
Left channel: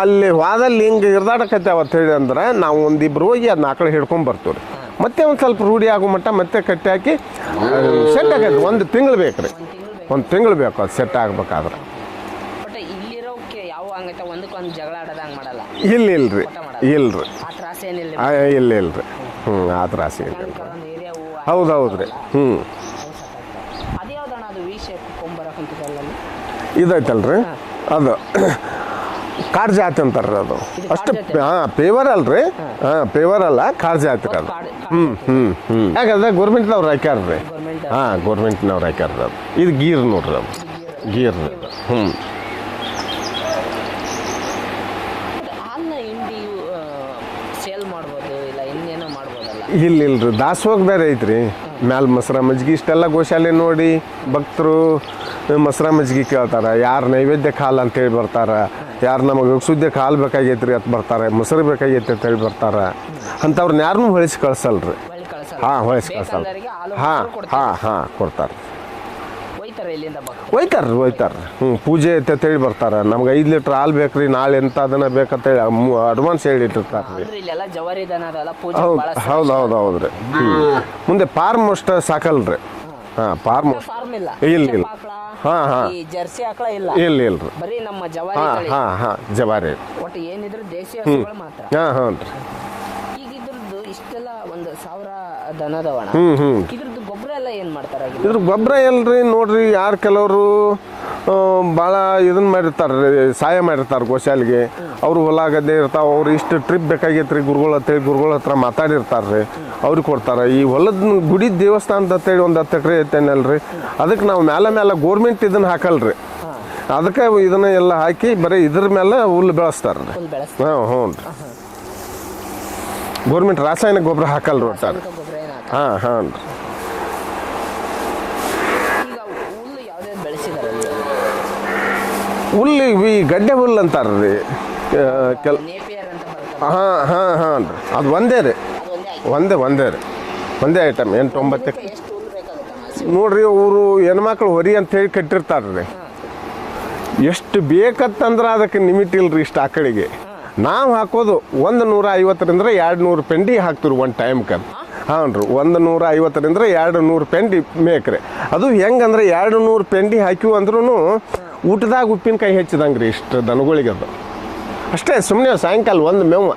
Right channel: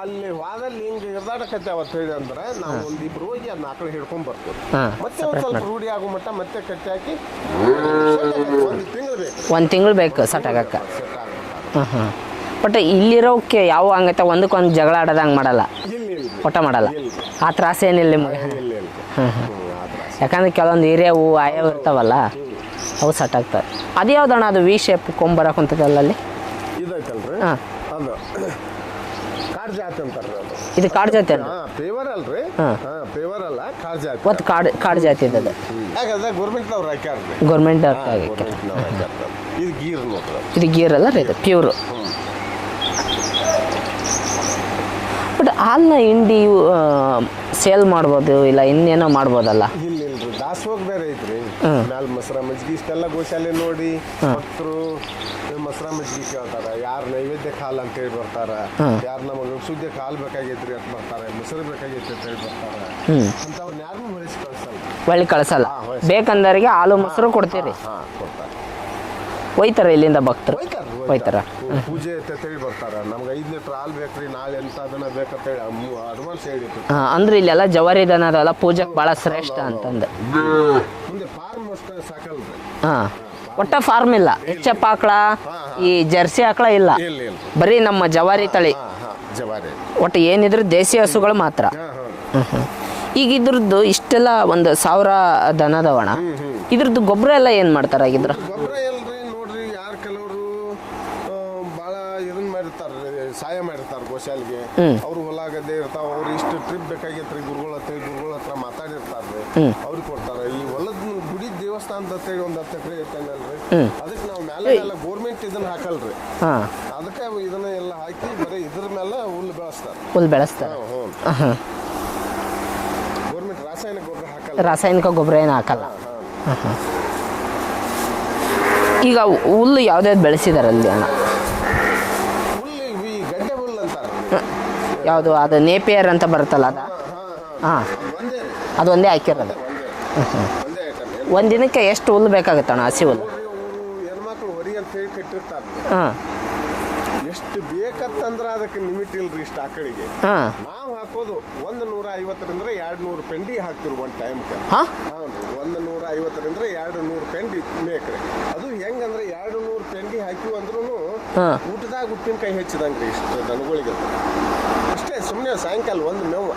ಅಲ್ಲಿ ವಾದಲ್ಲಿ ಹಿಂಗೆ ಇರ್ದಾಡಕತ್ತೆ ಅವತ್ತು ಹೇಳಿ ಅಂದ್ರೆ ನಾವು ಒಂದಿಬ್ರು ಹೋಗಿ ಅದನ್ನ ಆಕಳ ಹಿಡ್ಕೊಂಡ್ ಬರ್ತೀವಿ ಮತ್ತೆ ಒಂದ್ ಸ್ವಲ್ಪ ರೂಢಿ ಆಗೋ ಮಟ್ಟ ಮತ್ತೆ ಕಟ್ಟಿ ಹಾಕಿ ಸೆಟ್ ಆಗೈತೆ ಒಂದು ತಿಂಗಳು ಬೇಕ್ರಿ. ಒಂದ್ ತಿಂಗಳು ಬೇಕು ಒಂದು ತಿಂಗಳು ಬೇಕು ಅದು ಸೆಟ್ ಆಗ್ಬೇಕಾದ್ರೆ ಬಟ್ ಇಲ್ಲಿರೋಕೆ ಯಾವ ಹಂಗೈತೆ ಒಂದಕ್ಕೊಂದು ಜಗಳ ಆಡೋದಂಗೆ ಮಾಡಲ್ಲ. ಇಲ್ಲ ಇಲ್ರಿ. ಒಟ್ಟ ಮಾಡಲ್ಲ. ಇಲ್ರಿ. ಆ ತ್ರಾಸ ಏನಿಲ್ಲ ಆ, ನಿಮ್ಗೆ. ಇಲ್ಲ ಇಲ್ರಿ. ಹ್ಮ್ ಆ ತ್ರಾಸ ಯಾಕಂದ್ರೆ ಕೆಲವೊಂದು ಏರಿಯಾವು ಹೌದು, ಹೌದು. ಇರ್ತಾವಲ್ಲ ಹ್ಮ್. ಅವು ಸಟ್ ಆಗ್ತವೆ. ಅದು ಯಾವ್ದಣ್ಣ ಅದು ವಿ ಶೇಪ್ ಕೊಂಬರಕ್ ಕುಂತದಲ್ಲ ಅಲ್ಲಿ ಇದೈತಲ್ರಿ? ಹಾ. ಅದು ಕಾಡ್ ಜಾತಿ ಅಂತಾರ್ರಿ ಅದು. ಇದು ಕಾಡ್ ಜಾತಿ ಅಲ್ಲ? ಹಾ ಪೇವರ್ ಅಲ್ರಿ. ಹಾ. ಹಾ ಪೇವರ್ ಅಲ್ಲ ಕಾಡ್ ಜಾತಿ ಮತ್ತು ಕಾಡು ಕಾಡು ಜಾತಿ ಯಾಕಂದ್ರೆ ಗೌರ್ಮೆಂಟ್ನವ್ರು ಹಾಕ್ಯಾರ್ರಿ. ಗೌರ್ಮೆಂಟ್ ಹಾ ಗೌರ್ಮೆಂಟ್ನವ್ರು ಹಾಕ್ಯಾರ ಅದು. ಇದು ಗೀರ್ ನೋಡ್ರಿ ಅದು. ಇದು ಗೀರ್ ಅಲ್ಲ. Pure hmm. ಬಟ್ ಹಾಲನ್ನ ಹಿಂಡಿ ಸೇಲ್ ಮಾಡ್ಬೋದು ಇಲ್ಲ ಇನ್ನೇನೋ ಮಾಡ್ಬೋದಲ್ಲ? ಇಲ್ಲ ಇಲ್ರಿ ದಾಸೋಗ ಬೇರೆ ಐತ್ರಿ. ಮ್ಯಾಲ ಮೊಸರ ಮಜ್ಗಿ ಇಷ್ಟೆಲ್ಲ ಗೋಶಾಲೆ ನೋಡಿ ಭಕ್ತರು ಮೊಸರ ಮಜ್ಗಿ ಕೇಳ್ತಾರ. ಯಾರು ನೈವೇದ್ಯ ಹಾಲು ಅಂತ ಹೇಳಿ ಬರ್ತಾರ. ಯಾರು ನಮಗೆ ಸುದ್ದಿ ಕಾಲ್ ಬೇಕಾಗೈತ್ರಿ ಅಂತ ಬರ್ತಾರೆ. ಮೊಸರು ಬೇಕಾಗೈತಿ ಅಂತ ಹೇಳಿ ಬರ್ತಾರ. ಅಂತವ್ರನ್ನ ಯಾರನ್ನೂ ಹೊಳಿಸಿ ಕಳ್ಸಲ್ರಿ. ಹೊಳಿ ಕಳ್ಸಲ್ಲ. ಹಾ, ಹೊಳಿಸಿ ಕಳ್ಸಲ್ಲ. ಬೇಕಂದವರಿಗೆ ಹಾಲು ಮೊಸರು ಕೊಡ್ತಾರೆ ಹಾ ಕೊಡ್ತಾರ. ಒಯ್ತಾರೆ ಇಲ್ಲಿಂದ ಭಕ್ತರು. ಒಯ್ತಾರ ಒಯ್ತಾರ ಪೂಜೆ ಐತೆ ಅಂತ ಹೇಳಿ ಬರ್ತಾರ. ನಮ್ಗೆ ಐದು ಲೀಟ್ರ್ ಹಾಲು ಬೇಕ್ರಿ ನಾಳೆ ಎಂತ ಅದನ್ನ ಬೇಕಂತ ಹೇಳಿ ಅಡ್ವಾನ್ಸ್ ಹೇಳಿತ್ತು ಅಂದ್ರೆ ಇಲ್ಲೆಲ್ಲ ಜವಾರಿ ದನ ಅದೆಲ್ಲ ಪೂಜೆ ಬಹಳ ಹೌದು ಹೌದು ಹೌದು. ಮುಂದೆ ಫಾರ್ಮ್ ಅಷ್ಟ ಸಾಕಲ್ರಿ. ಹಾ. ಹಾ ಫಾರ್ಮ್ ಫಾರ್ಮ್ ಇಲ್ಲ. ಚಪ್ಪಾಕಳ ಆಕಳ. ಈ ಜರ್ಸಿ ಆಕಳ ಇಲ್ಲ. ಇಲ್ಲ ಇಲ್ರಿ ಬರೀ ನಮ್ಮ ಜವಾರಿ ತಳಿ. ಹಾ ಹಾ ಜವಾರಿ. ಒಟ್ಟು ಏನಿದ್ರು ದೇಸಿ ಹಸುಗಳು ಮಾತ್ರ. ಹಾ ಹಾ ಈಗ ಇದ್ರದ್ದು ಇಷ್ಟೆಲ್ಲ ಒಂದು ಸಾವಿರ ದನದವಣ. ಇದ್ರದ್ದು ಗೊಬ್ಬರ ಎಲ್ಲ ಏನ್ ಮಾಡ್ತಾರ ಇದ್ರ ಗೊಬ್ಬರ ಎಲ್ರಿ ನೋಡ್ರಿ ಯಾರು ಕೆಲವರು ಭಾಳ ಇದನ್ನ ಮಾಡಿರ್ತಾರೆ ಸಹಾಯ ಮಾಡಿರ್ತಾರೆ ಗೋಶಾಲಿಗೆ ಅವ್ರು ಹೊಲ ಗದ್ದೆ ಇರ್ತಾವ ಅವ್ರು ಇಷ್ಟು ಟ್ರಿಪ್ ಬೇಕಾಗೈತ್ರಿ ಗುರುಗಳ ಅಂತೇಳಿ ಗುರುಗಳ ಹತ್ರ ಮಾತಾಡಿರ್ತಾರ್ರಿ ಅವ್ರಿಗೆ ಕೊಡ್ತಾರ. ಈ ಹೊಲದ ಗುಡಿ ದೇವಸ್ಥಾನ ಅಂತೇಳಿ ಒಂದು ಹತ್ತು ಎಕರೆ ಐತೇನಲ್ರಿ ಅದಕ್ಕೆ ನಾವು ಮ್ಯಾಲ ಮ್ಯಾಲ ಗೋರ್ಮೆಂಟ್ ಇದನ್ನ ಹಾಕಲ್ರಿ. ಹಾ. ಅದಕ್ಕೆ ಇದನ್ನ ಎಲ್ಲ ಹಾಕಿ ಬರೀ ಇದ್ರ ಮೇಲೆ ಹುಲ್ಲು ಬೆಳೆಸ್ತಾರೆ ಹುಲ್ಲು ಬೆಳೆಸ್ತಾರೆ. ಹ್ಞೂ ಗೋರ್ಮೆಂಟ್ ರಾಸಾಯನಿಕ ಗೊಬ್ಬರ ಹಾಕಲ್ಲ ರಾಸಾಯನಿಕ ಗೊಬ್ಬರ ಏನು ಹಾಕಲ್ಲ. ಹಾಂ ಹಾಂ. ಈಗ ಹುಲ್ಲು ಯಾವ್ದಾವ್ದು ಬೆಳೆಸಿದಾರಲ್ಲಿ ಅಣ್ಣ? ಹುಲ್ಲು ಈ ಗಡ್ಡೆ ಹುಲ್ಲು ಅಂತಾರ್ರಿ. ಯಾವುದು? ಅದು ನೇಪಿಯರ್ ಅಂತ ಬರುತ್ತಲ್ಲ? ಹಾ ಹಾ ಹಾ. ಅದು ಒಂದೇ ರೀ. ಅದು ಒಂದೇ ಹಾಕಿ ಒಂದೇ ಒಂದೇ ರೀ. ಒಂದೇ ಐಟಮ್ ಏನು ಒಂದ್ ದಿನಕ್ಕೆ ಎಷ್ಟು ಹುಲ್ಲು ಬೇಕಾಗುತ್ತಣ್ಣ ಹಸಿ ಹುಲ್ಲು? ನೋಡ್ರಿ ಅವರು ಹೆಣ್ಮಕ್ಳು ಹೊರಿ ಅಂತ ಹೇಳಿ ಕಟ್ಟಿರ್ತಾರ್ರಿ. ಹಾ. ಎಷ್ಟು ಬೇಕತ್ತಂದ್ರೆ ಅದಕ್ಕೆ ಲಿಮಿಟ್ ಇಲ್ರಿ ಇಷ್ಟು ಆಕಳಿಗೆ ಹಾ. ನಾವು ಹಾಕೋದು ಒಂದು ನೂರ ಐವತ್ತರಿಂದ ಎರಡು ನೂರು ಪೆಂಡಿ ಹಾಕ್ತಿರು ಒಂದು ಟೈಮ್ಗೆ ಹಾ? ರೀ ಒಂದು ನೂರ ಐವತ್ತರಿಂದ ಎರಡು ನೂರು ಪೆಂಡಿ ಮೇಕ್ರೆ. ಅದು ಹೆಂಗಂದ್ರೆ ಎರಡು ನೂರು ಪೆಂಡಿ ಹಾಕಿವು ಅಂದ್ರೂ. ಊಟದಾಗ ಉಪ್ಪಿನಕಾಯಿ ಹೆಚ್ಚಿದಂಗ್ರಿ ಇಷ್ಟು ದನಗಳಿಗೆ ಅದು. ಅಷ್ಟೇ ಸುಮ್ಮನೆ ಸಾಯಂಕಾಲ ಒಂದು ಮೇವು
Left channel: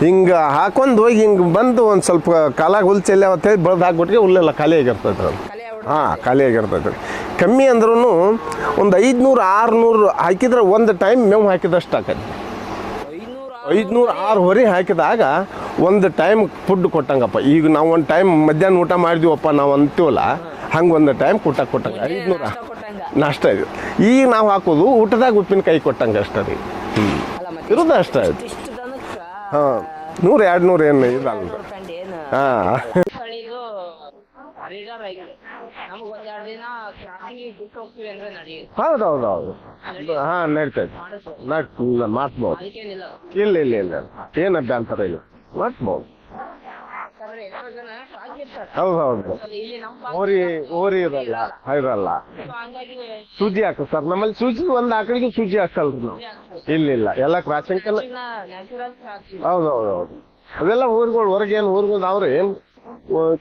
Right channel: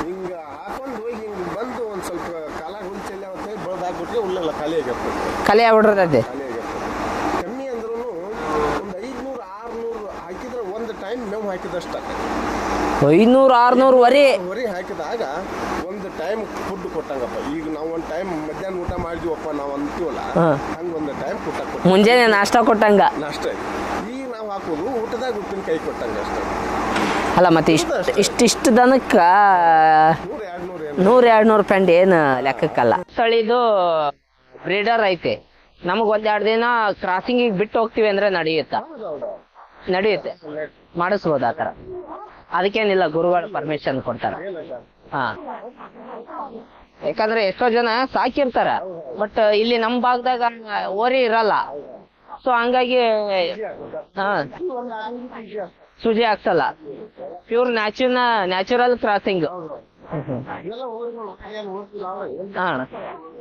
ಹಿಂಗೆ ಹಾಕೊಂಡು ಹೋಗಿ ಹಿಂಗೆ ಬಂದು ಒಂದು ಸ್ವಲ್ಪ ಕಾಲಾಗ ಹುಲ್ ಚೆಲ್ಲ ಅಂತ ಹೇಳಿ ಬೆಳೆದು ಹಾಕ್ಬಿಟ್ರೆ ಹುಲ್ಲೆಲ್ಲ ಖಾಲಿ ಆಗಿರ್ತದೆ ಖಾಲಿ ಆಗಿರ್ತದೆ ಕಮ್ಮಿ ಅಂದ್ರೂ ಒಂದು ಐದ್ನೂರು ಆರ್ನೂರು ಹಾಕಿದ್ರೆ ಒಂದು ಟೈಮ್ ಮೇವು ಹಾಕಿದಷ್ಟು ಆಕೈತಿ. ಐನೂರು ಆರುನೂರು ವರಿ. ಹೊರಿ ಹಾಕಿದಾಗ ಒಂದು ಟೈಮ್ ಫುಡ್ ಕೊಟ್ಟಂಗಪ್ಪ. ಈಗ ನಾವು ಒಂದು ಟೈಮ್ ಮಧ್ಯಾಹ್ನ ಊಟ ಮಾಡಿದ್ವಪ್ಪ ನಾವು ಅಂತೀವಲ್ಲ ಹಂಗೆ ಒಂದು ಟೈಮ್ ಊಟ ಕೊಟ್ಟ ಮುಂಜಾನೆ ನಾಷ್ಟ ಕೊಟ್ಟಂಗ. ನಾಷ್ಟ ಇದು. ಈಗ ನಾವು ಹಾಕೋದು ಊಟದಾಗ ಉಪ್ಪಿನಕಾಯಿ ಕೊಟ್ಟಂಗ ಅಷ್ಟೇ ರೀ ಅಲ್ಲ ಮತ್ತೆ ಇಷ್ಟಿಷ್ಟು ಅಷ್ಟೇ. ಇಷ್ಟ ಇಷ್ಟು ದನಕ್ಕ ನೂರ ಎರಡು ನೂರು ಏನು ನೂರ ಎರಡ್ ನೂರು ಪೆಂಡ್ ಏನು ಲೆಕ್ಕಕ್ಕಲ್ಲ. ತಳಿದು ಬ್ರೀಡರ್ ಐತೆ. ನಮಗ್ ಒಂದೆರಡು ಎರಡು ದಿನ ಕ್ರಾಸಿಂಗ್ ಬಿಟ್ಟು ಹೋಗ್ತಿವಿ ಅಂದ್ರೆ ನಡೆಯುತ್ತಾ? ಹೌದು ಹೌದು ಹೌದು ನಡೆಯುತ್ತೆ. ಹಾ ನಡೀತೈತೆ. ಮಾಡಿಸ್ಬೋದಾ ಅದಕ್ಕೇನಿಲ್ಲ ಗುರುವಾರ ಇಲ್ಲ ಇಲ್ಲ ಕೊಡ್ತಾರೆ. ಏನು ಅಭ್ಯಂತರ ಇಲ್ಲ. ಹಾ. ಮಾಡ್ಬೋದು ಯಾಕಂದ್ರೆ ಎಷ್ಟೋ ಜನ ಸಾಕಿರ್ತಾರ. ಹೌದು, ಹೌದು. ಬಟ್ ಇಲ್ಲಿ ನಮ್ ಭಾಗದಾಗ ಓರಿ ಇರಲ್ಲ ಇರಲ್ಲ. ಸೊ ಹಂಗಾಗಿ ಸೂಜಿ ಹಾಕು ಸರ್. ನಮ್ಮಲ್ಲಿ ಹಾ. ಸೂಜಿ ಒಂದ್ ಆಕಳಿಗೆ ಸೂಜಿ ಹಾಕಲ್ಲ ಸುಜಿ ಆಗ್ತಲ್ಲ ಇಲ್ಲ ಇಲ್ಲ. ಎಲ್ಲ ಕ್ರಾಸಿಂಗ್ ನ್ಯಾಚುರಲ್ ನ್ಯಾಚುರಲ್ ಕ್ರಾಸಿಂಗ್ ಹೌದು ಹೌದು ಹೌದು. ಅದೆಲ್ಲ ಊರುಗಳು ಹೊರಗೆ ಏನು ಊರುಗಳು ಅವ್ರಿ?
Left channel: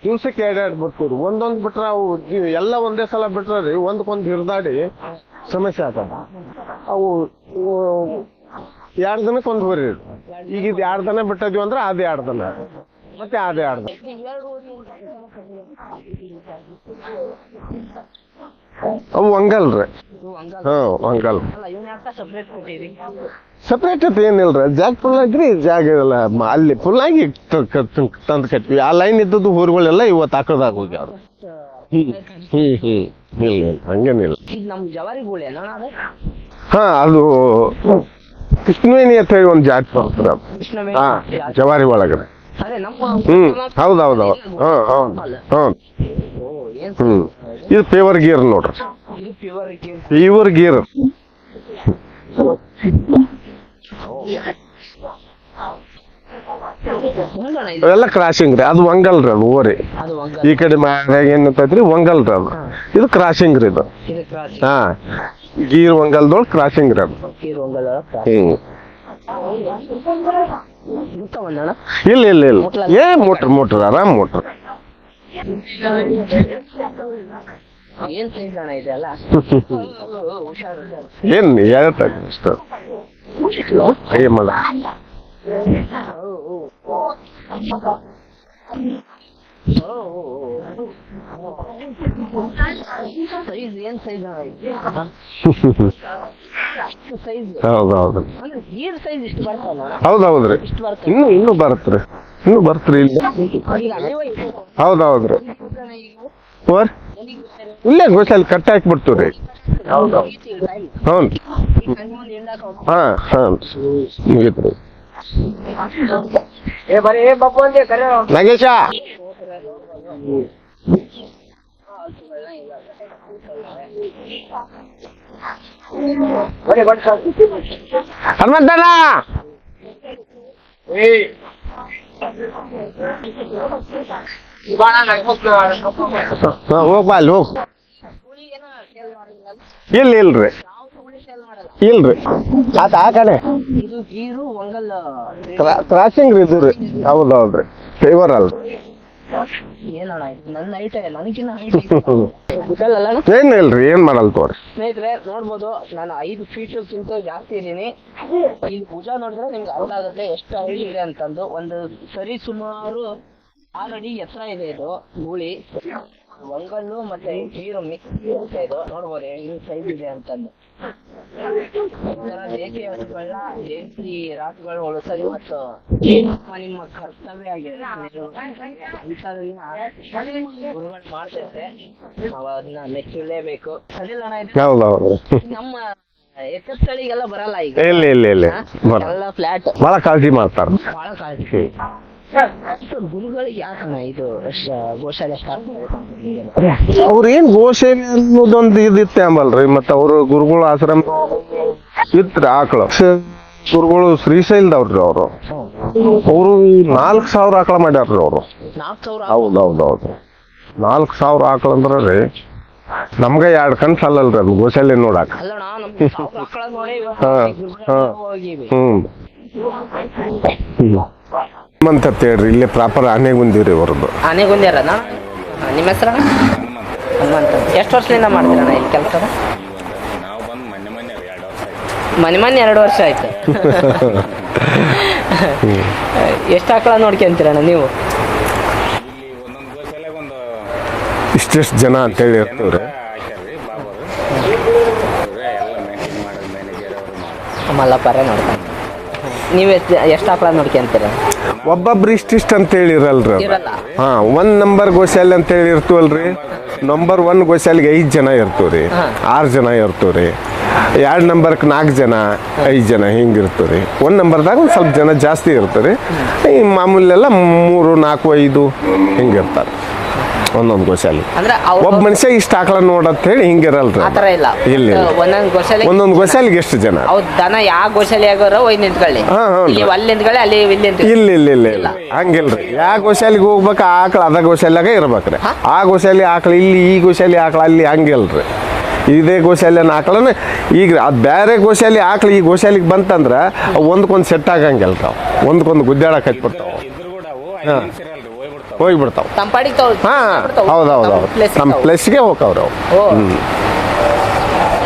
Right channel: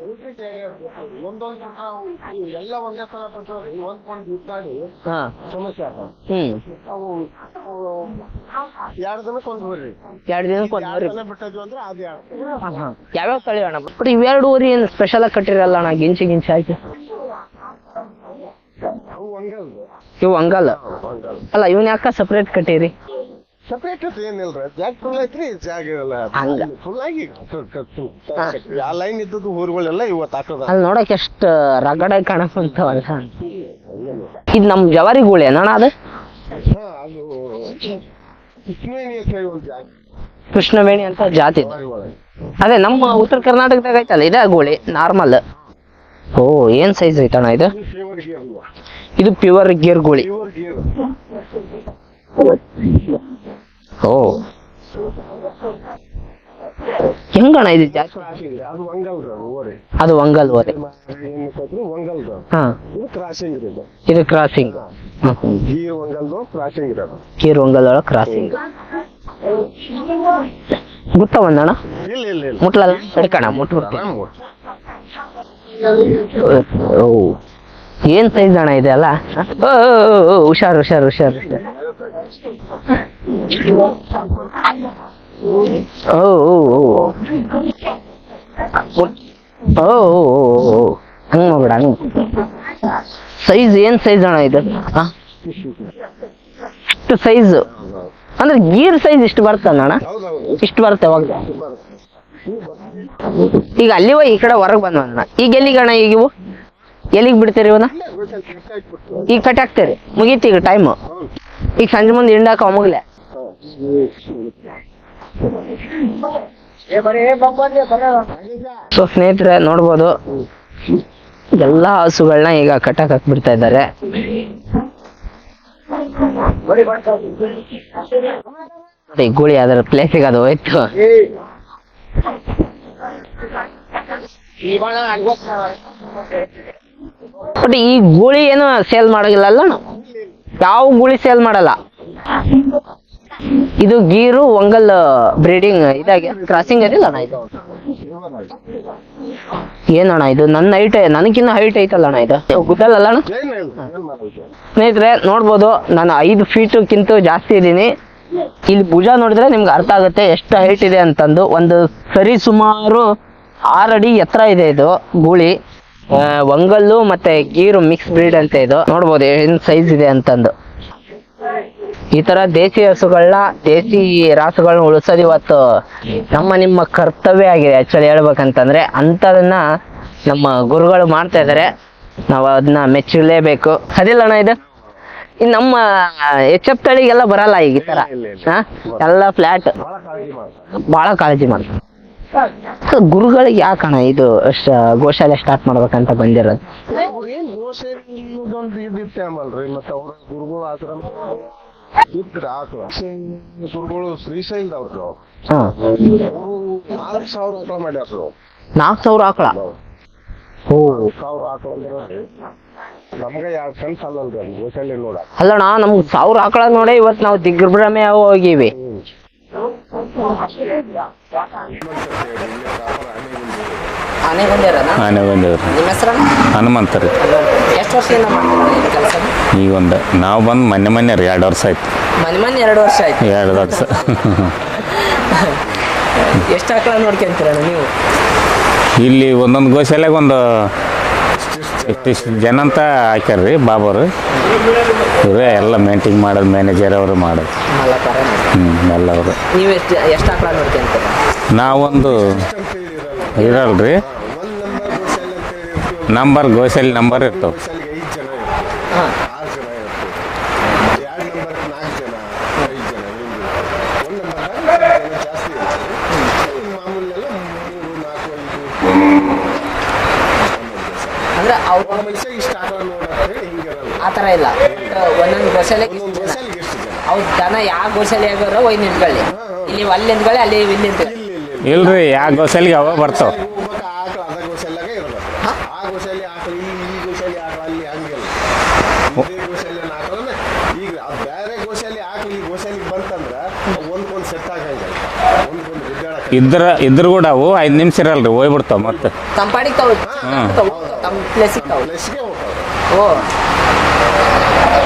ದಿವ್ಸಕ್ಕೆ ಎರಡೆರಡು ಎರಡು ಬಿಡ್ತೀವಿ ಒಂದೊಂದ್ ಬಿಟ್ರ ಅವು ಇವ್ ಎಲ್ಲ ಒಂದೇ ಸಲ ಬಿಟ್ರ ರೀ ಒಂದಕ್ಕೊಂದು ಹಿಡ್ದಾಡಿ ಹಾ. ಸಮಸ್ಯೆ ಆಗ್ತದ. ಹ್ಮ್. ಅವು ಎರಡು ದಿನಕ್ಕೆ ಒಂದು ಹೋರಿ ಎರಡ್ ದಿನ ಎರಡು ದಿನ ಬಿಟ್ಟದ್ವಿ ಅಂದ್ರೆ ಅದ್ ಎರಡು ದಿನ. ಯಾವ್ಯಾವ ಅದೇ ತಳಿ ಅಣ್ಣ? ಬಟ್ ಇವೆರಡು ಊರಿ ಏನು ಸ್ಪೆಷಲ್ ಆಗಿ ಕಟ್ಟಿರಲ್ಲ ಅಣ್ಣ ಗಿಂಚಿ ಗಿಂಚಿ ಹಾಕಿ? ಅವು ಹಂಗಲ್ರಿ ಇವು ಹಂಗಲ್ಲ ಹ್ಞೂ ಹಂಗಲ್ ಅಲ್ಲ ಇವನ್ ಯಾಕ ಸಪ್ರೇಟ್ ಕಟ್ಟಿರಿ? ಸಪ್ರೇಟ್ ಅಂತ ಏನಿಲ್ರಿ. ಜಾಗ ಫುಲ್ ಆಗ್ರಿ ಜಾಗ ಇರಲ್ಲ. ಮ- ಅಲ್ಲಿ ಫುಲ್ ಆಗಿ ತಂದು ಕಟ್ವಿ. ಆ ಲೈನ್ ಇದ್ದದ್ದು ಊರುಗಳೆಲ್ಲ ಇವತ್ತು ಹಾಕೋದ ಅಲ್ಲಿ ನೋಡಕ್ ಎಷ್ಟು ಅಂತ. ಇಲ್ಲ ಹಂಗೇನಿಲ್ಲ. ಇದು ನಮ್ ಜವಾರಿ ಗೂಳಿ ಅಣ್ಣ ಅದು? ಹಾ ಅದು ಕೃಷ್ಣವೇಣಿ ಅಂತ ಹೇಳಿ ಒಂದು ಜಾತಿ ಬರ್ತದೆ. ಕೃಷ್ಣವೇಣಿ ಅಂತ ಜಾತಿ ಜವಾರಿ ಒಳಗಡೆ. ಅದೇ ನಮ್ಮ ಉತ್ತರ. ಕರ್ನಾಟಕ ಇದೆ ಗೂಳಿ. ನಾರ್ಮಲ್ ಓ ಏನ್ ಸೈಜ್ ಐತಣ್ಣ ಇದು? ಇದು ಪ್ಯೂರ್ ಗೀರ್ ನೋಡ್ರಿ. ಇದು ಪ್ಯೂರ್ ಗೀರ್ ಗೋಳಿ. ಪ್ಯೂರ್ ಗೀರ್ ಓ. ಹೆಂಗಣ್ಣ ಇದು? ಇವೆಲ್ಲ ಕ್ರಾಸಿಂಗ್ ರೀ. ಅದು ವಂಗಲ್ ರೀ ಅದು ಓರಿ. ಅದು ಒಂಗಲ್ ಈ ಕಡೆ ಮ್ಯಾಗ ಏನಂತೈತ್ರಿ ವಂಗಲ್ ರೀ ಅದು. ಇದು ಕ್ರಾಸಿಂಗ್ ರೀ ಇದು. ಇದು ಕ್ರಾಸಿಂಗ್ ಹಾ. ಗೀರ್ ವಂಗಲ್ದೊಳಗೆ ಕ್ರಾಸಿಂಗ್ ರೀ ಅದು. ಗೀರ್ ಒಂಗಲ್ ಒಳಗ್ ಕ್ರಾಸಿಂಗ್ ಗುತ್ತ ಬಂದಣ್ಣ? ಇಲ್ಲ ಇಲ್ಲ ಇಲ್ಲ. ಮುಟ್ಲಲ್ಲ? ಏ ಮುಟ್ರ. ಮುಟ್ರ ಆರಾಮ್ ಮುಟ್ರ. ಏನ್ ಸೈಜ್ ಅಣ್ಣ ಇದೆಲ್ಲ ಓ, ಹುಷಾರು ಹುಷಾರು ಓ, ಹುಷಾರ್ ಹುಷಾರ್ ಹುಷಾರ್. ಏನ್ ಹೇಳ್ತಾ ಅಷ್ಟ? ಏ ಮಾಡ ಓ ಓ ಓ ಓ ಓ ಹಂಗ್ ಮಾಡ್ಬೇಡ ಹಂಗ್ ಸೈಜ್ ಏನ್ ಸೈಜ್ ಅಣ್ಣ ಇದು? ಇಷ್ಟು ಸೈಜ್ ಹೌದು ಹೌದು ಅಂದ್ರೆ ಗೀರ್ ಸೈಜ್ ಇಷ್ಟು ಬರ್ತದ ಅಣ್ಣ ಹೌದು ಹೌದ್ರಿ ಇಷ್ಟು ಬರ್ತವೆ ಇನ್ನು ಬರತ್ರಿ. ಇನ್ನು ಬರ್ತ್ರಿ ಇಲ್ಲ. ಈಗ ಅಲ್ಲಿ ಹೋಗಿ ಈ ಕಡೆ ಹೊರಗೆ ಹೌದು, ಬಂದ ಹೌದು. ಈಗ ಎಲ್ಲಿಗೆ ಅಣ್ಣ ಈಗ ಇವು? ಎಲ್ಲಿಗೆ ಬಿಡ್ತೀರಿ ಇವನ್ನ ಇಲ್ಲ ಗೋಸಲ್ ಕಟ್ ಬಿಡ್ತೀವಿ ಈಗ ಕಟ್ ಹಾಕ್ತೀರಿ? ಮುಗೀತಿ ಈಗ ಟೈಮ್ ಹೌದು ಈಗ ಸಂಜೆ ಮುಂದೆ ಹಿಂಡಾಕ ಅಮ್ಮಗ ಹಾ ನಾಗೇಶ? ಸೊ ಸ್ನೇಹಿತರೆ ನೋಡ್ಬೋದು. ಎಲ್ಲಾ ಹಸುಗಳನ್ನ ಈಗ ಕಟ್ಟಾಕ್ ಹಾಕ್ಬಿಡ್ತಾ ಇದ್ದಾರೆ. ಹನುಮಂತಣ್ಣ! ಗೂಳಿ ಅದರ ಪ್ಲೇಸಿಗೆ ಅದು ಹೋಯ್ತು. ಅಲ್ಲಿ ಹೋಗ್. ಬಟ್ ಈ ಗೂಳಿ ಏನು ಸೇಲ್ ಮಾಡೋದಿಲ್ಲ ಅಲ್ಲ? ಇಲ್ಲ ಇಲ್ರಿ ಯಾವ ಗೂಳಿ ಸೇಲ್ ಮಾಡಲ್ಲ? ಇಲ್ರಿ ಆ ಕಡೆ ಇದು ಗೀರು ಒಂಗಲ್ ಬ್ರೀಡಿಂಗ್ ಕ್ರಾಸಿಂಗ್ ಅದಿಲ್ಲ ಫೇವರ್ ಅಲ್ಲ. ಏನಣ್ಣ ಇದು? ನನ್ನ ಹೈಟ್ ನನಗಿನ್ನ ಹೈಟ್ ಐತಲ್ಲ ಅಣ್ಣ ಇದು? [laughs] ಗೊತ್ತಲ್ಲ ಅಣ್ಣ? ಏನ್ ಇಲ್ರಿ ಏನ್ ಮಾಡಲ್ ತೋರಿ. ಸ್ನೇಹಿತರೆ ನೋಡ್ಬೋದು. ನಾನು ಐದು ಫೀಟ್ಗಿಂತ ಜಾಸ್ತಿ ಇದ್ದೀನಿ. ಇಲ್ಲಿ ಭುಜ ನೋಡಿದ್ರೆ ನಿಮ್ಗೆ ಅರ್ಥ ಆಗುತ್ತೆ ಎಷ್ಟು ಹೈಟ್ ಇದೆ ಅಂತಂದು. ಒಂದು ಸರಿ ಸುಮಾರು ಆರು ಅಡಿ ಎತ್ತರ ಇದೆ ಇದು ಗೂಳಿ. ಒಂಗಲ್ಲು ಮತ್ತೆ ಗೀರು ಮಿಕ್ಸ್ ಬ್ರೀಡ್ ಅಂತ ಇದು. ನೋಡ್ಬೋದು ಏನ್ ಸೈಜ್ ಇದೆ ಅಂತಂದು. ಈ ತರ ದೇಸಿ ಹಸುಗಳನ್ನ ದೇಸಿ ರಾಸುಗಳನ್ನ ಉಳಿಸೋದು ಇವತ್ತು ನಮ್ಮ ನಿಮ್ಮ ಕರ್ತವ್ಯ ಆಗಿದೆ ಆಕ್ಚುಲಿ ಹೇಳ್ಬೇಕಂತಂದ್ರೆ. ಅಂತದನ್ನ ನಮ್ಮ ಗುರುಗಳು ಮಾಡ್ತಾ ಇದಾರೆ ನಾವು ಅದನ್ನ ಮೆಚ್ಚಲೇಬೇಕು. ಅದಿಲ್ಲ ಅಣ್ಣ ಇದು? ಇನ್ ನಮ್ಮ ಎಚ್ ಎಫ್ ತಳಿಗೆಲ್ಲ ಬರಲ್ಲ ಈಗ? ಎಲ್ಲ ಫ್ಲಾಟ್ ಬಹಳ ಕಾಳಜಿ ಮಾಡ್ತಾರೆ. ಬಹಳ ಕಾಳಜಿ ಮಾಡಿ ಗುರುಗಳಿಗೆ ಯಾಕಣ ಇದು ಗೋಶಾಲೆ ಸ್ಟಾರ್ಟ್ ಮಾಡ್ಬೇಕಂತ ಬಂದಿರೋದು? ಅವ್ರ ಏನ್ ಗೋಸೇವೆ ಅನ್ನೋದೊಂದು ಇದಿತ್ತೆ ಅಂಬಲ್ರಿ ಮತ್ತ ಅವ್ರು ಗುರುಗಳು ಆಶ್ರಮ ಇತ್ರಿ ಆಕಳು. ಗುರುಗಳು ಶ್ರೀಶೈಲದವ್ರಿ ಅವರು. ಹಾ. ಅವರು ನಾಲ್ಕ್ ಸಾವಿರ ಆಕಳ ಮಾಡ್ಯಾರ್ರಿ ಅವರು. ನಾಲ್ಕ್ ಸಾವಿರ ಹೌದೌದು ಹೌದು ಹೌದು ಹೌದು. ನಾಲ್ಕ್ ಸಾವಿರ ಆಕಳ ಅಂದ್ರ ರೀ ನಮ್ಗ ಎರಡ್ ಕಣ್ ಸಲ್ಲಲ್ರಿ ಅದು ಗೋಶಾಲೆ ನೋಡಾಕ. ಅಲ್ಲಣ್ಣ ನಮ್ಗೆ ಸಾವಿರ ಆಕಳ ನೋಡೇ ಇವತ್ತು ನಾವು. ದಿಗ್ಭ್ರಮೆ ಹೋಗಿವಿ. ಹ್ಮ್. ಅಂತ ಹೇಳ್ರಿ ಇಲ್ಲಿ ಪ್ರಾಪರ್ ಆನೆಗುಂದಿರಿ ಅವ್ರದ್ದು. ಆನೆ ಬಂದ್ಯಾರನ ಆನೆ ಬಂದೇವ್ರಿ ನಿಮ್ಮ ಹೆಸರು? ಹನುಮಂತ ರೀ. ಎಷ್ಟು ವರ್ಷದಿಂದ ಮಾಡ್ತಾರೆ ಈ ಕೆಲಸ? ಈಗ ಒಂದು ನಾವು ಬಂದು ಮೊನ್ನೆ ಮೊನ್ನೆ ರೀ ಎರಡು ವರ್ಷ ಆಯ್ತು. ಮನೆ ಮನೆ ಎರಡು ವರ್ಷ ಆಯ್ತು. ಎರಡು ವರ್ಷ. ಎಷ್ಟು ಆಕಳ ನೋಡ್ಕೊಂತೀರಣ್ಣ ನೀವು? ಇಲ್ಲಿ ಒಂದೊಂದು ಗೋಶಾಲೆಗೆ ಒಂದು ಇಷ್ಟಿಷ್ಟು ಜನ ಅಂತ ಹೇಳಿ ಜನ ಅಂತ ರೀ ಬಾಬರು ಇವರೇ ಎಲ್ಲ ಮೇಂಟಿಂಗ್ ಮಾಡೋದು ಮ್ಯಾನೇಜರ್ ಅವರು ಮಾಡೋದು. ಮಲ್ಲಪ್ಪರ ಹ್ಞೂ ಎಲ್ಲವರು ನೀವು ಎಷ್ಟು ಎಷ್ಟು ಆಕಳ ನೋಡ್ಕೊಂತೀರ ನಾವು ಒಂದು ಒಬ್ಬೊಬ್ರು ಇಷ್ಟಿಷ್ಟ ಅಂತ ಹೇಳಿರಲ್ರಿ. ಅವ್ರು. ಇರಲ್ರಿ. ಹಾ ಒಂದ್ ನಂಬರ್ ಗೋಶಾಲೆ ಅಂತ ಹೇಳಿ ಇರ್ತೀವಲ್ಲ ನಂಬರ್ ಗೋಶಾಲೆ ನಂಬರ್ ನಂಬರ್ ಒನ್ ಗೋಶಾಲೆಗೆ ಐದ್ ಜನ ಇರ್ತೀವ್ರಿ. ಆರು ಜನ ಇರ್ತೀವ್ರಿ. ಎರಡು ನಂಬರ್ಕ್ ನಾಲ್ಕು ಜನ ಐದು ಜನ ಹಿಂಗ್ ರೀ ಒಂದ್ ನಂಬರ್ದಾಗ ಒಂದ್ ಸ್ವಲ್ಪ ಜನ ಜಾಸ್ತಿ ಇರ್ತಾರೆ. ಈ ಮಾಮೂಲೆಲ್ಲ ಮೂರು ನಾಲ್ಕು ಐದು ಹಿಂಗ್ ಇರ್ತಾರೆ. ಒಂದೊಂದು ಗೋಶಾಲೆ ಅಂದ್ರೆ ಒಬ್ಬ ಮನುಷ್ಯ ಇಷ್ಟ ಆಕಳ ನೋಡಂತ ಹೇಳಿ ಹಿಂಗಿರಲ್ರಿ ಆ ಥರ ಇಲ್ಲ. ಇಲ್ಲ ಇಲ್ಲ. ಒಂದೊಂದು ಗೋಶಾಲೆ ಒಂದೊಂದು ಗೋಶಾಲೆಗೆ ಎಷ್ಟು ಜನ? ಅವ್ ದನ ಯಾವ ಗೋಶಾಲೆ ಆಗೋರು ಒಯ್ ನಿಂತ್ಕೊಳ್ಳಿ. ಹಾ, ಹಾ. ಇಲ್ಲಿ ಅಲ್ಲಿ ನಿಂತ್ಕೊಳ್ಳಿ ಅಲ್ಲಿ ಇಲ್ಲಿ ನಿಂತ್ಕೊಳ್ಳಿ. ಇಲ್ಲ ಇಲ್ಲ ಇಲ್ಲ ಇಲ್ರಿ, ಆ. ಗೋಶಾಲೆಗೆ ಯಾವ ಅವ ಬರ್ತಾವ. ಗೋಶಾಲೆಗೆ ಹೋಗ್ಬೇಕು ಆ ಆಕಳ ಅದ ಗೋಶಾಲ್ಯಾಗ ಇರ್ಬೇಕ್ರಿ. ಆ ಗೋಶಾಲೆ ಆಕಳ ಇಲ್ಲಿ ಈ ಗೋಶಾಲೆ ಆಕಳ ಅಲ್ಲಿ ಹಂಗಿಲ್ರಿ. ಇದೇ ಗೋಶಾಲೆನ ಆಕಳನ ಈಗ ಅದು ಬೇರೆ ಗೋಶಾಲೆ ಆಕಳು ಈ ಗೋಶಾಲೆಗೆ ಬಂತಂದ್ರೆ ಅವು ಒಂದಕ್ಕೊಂದು ಸೆಟ್ ಆಗಂಗಿಲ್ಲ ತಾವು ಒಂದಕ್ಕೊಂದು ಗುದ್ದಾಡಕ ಇದ್ರ ಇದ್ರ ಕೂಡ ಅವು ಐದು ನಿಮಿಷ ಇರಲ್ರಿ ಹೋಗ್ಬಿಡ್ತಾವ ಹೋಗ್ಬಿಡ್ತಾವ. ಹಾ ತಗೊಳ್ಳಿ. ಹೌದು ಹೌದು ನಮ್ಮ ಪ್ಲಸ್ಗೆ ಹೋಗ್ತಾವ್ರು ಅವು ಹ್ಞೂ.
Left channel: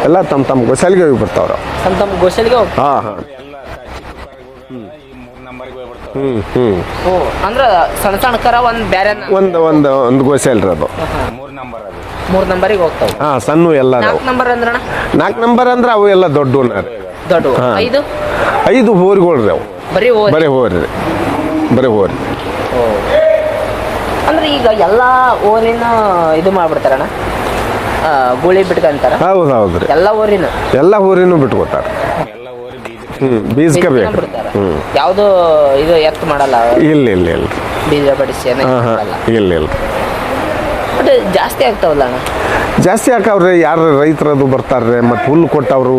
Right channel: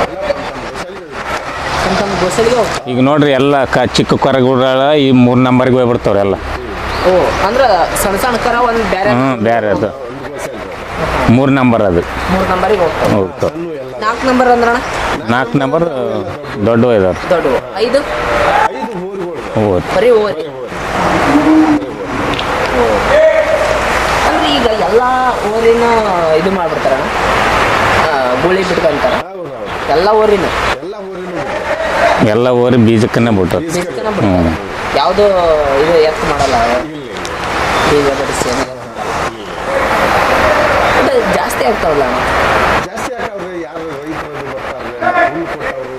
ಎಲ್ಲ ತಮ್ಮ ತಮ್ಮ ಗೊಸಲಿಗೆ ಹೋಗಿ ಬರ್ತಾವ್ರ. ತಮ್ಮ ತಮ್ಮ ಗೋಶಾಲೆಗೆ ಹೋಗಿ ಈಗ ನೋಡ್ರಿ ಎಲ್ಲ ಕ ಚಿಕ್ಕ ಕೊರಗುಡ ಈ ಮೂರ್ ನಂಬರ್ಗೆ ಹೋಗ್ಬಿಡ್ತಾವ್ರಿ ಎಲ್ಲ. ಹ್ಮ್ ಓ ಅಂದ್ರೆ ಸಣ್ಣ ಸಣ್ಣ ಕರ ಒಂದ್. ಒಂದು ಬೇರೆ ಒಂದು ಒಂದು ಗೋಶಾಲೆ ರೀ ಅದು. ಮೂರ್ ನಂಬರ್ ಅದು. ಮೂರ್ ನಂಬರಿಗೆ ಹೋಗ್ತಾವ ಹಾ ಸಣ್ಣ ಎಲ್ಲ ನಾಲ್ಕು ನಂಬರ್ ಅಂದ್ರಣ? ನಾಲ್ಕು ನಾಲ್ಕು ನಂಬರ್ ಅಂದ್ರೆ ಅವು ಎಲ್ಲ ದೊಡ್ಡ ದೊಡ್ಡ ಇದಾವ ದೊಡ್ಡ ಹಾ. ಐದು? ಐದು ಹೋರಿಗಳು ರೀ ಅವು. ಬರೀ ಹೋರಿ. ರೀ. ಬರೀ ಹೋರಿ. ಅಂದ್ರೆ ಈಗ ಎಲ್ಲಾ ಓರಿನ ಇದು ಮಾಡ್ಬಿಡ್ತಾರಣ? ಗುಳಿ ಬಿಟ್ಕೊಂತಾರ ಹೌದು ಹೌದು. ಎಲ್ಲ ಊರಿನ. ಎಲ್ಲ ಊರಿನೂ ಬಿಟ್ಕೊತಾರೆ ಎಲ್ಲ ಊರಿ ಬೀಜಕ್ಕನ್ನ ಬಿಟ್ಟು ಬೀಜಕ್ಕೆ ಬೇಕು. ಹ್ಮ್. ಇದು ಎತ್ತು ಮಾಡಲ್ಲ ಇಲ್ಲ ಇಲ್ಲ ಇಲ್ಲ. ಬೀಜ ಬಡಿಸಿ ಹಾಂ ಹಾಂ ಇಲ್ಲ ಇಲ್ಲ. ಜಾಸ್ತಿ ಆಗ್ತಾವಲ್ಲ? ಜಾಸ್ತಿ ಹಾಕವ್ರೆ ಯಾರು ರೈತರದು ಬರ್ತಾರೆ ಮತ್ತು ಹುಲ್ಲು ಕೊಟ್ಟವರು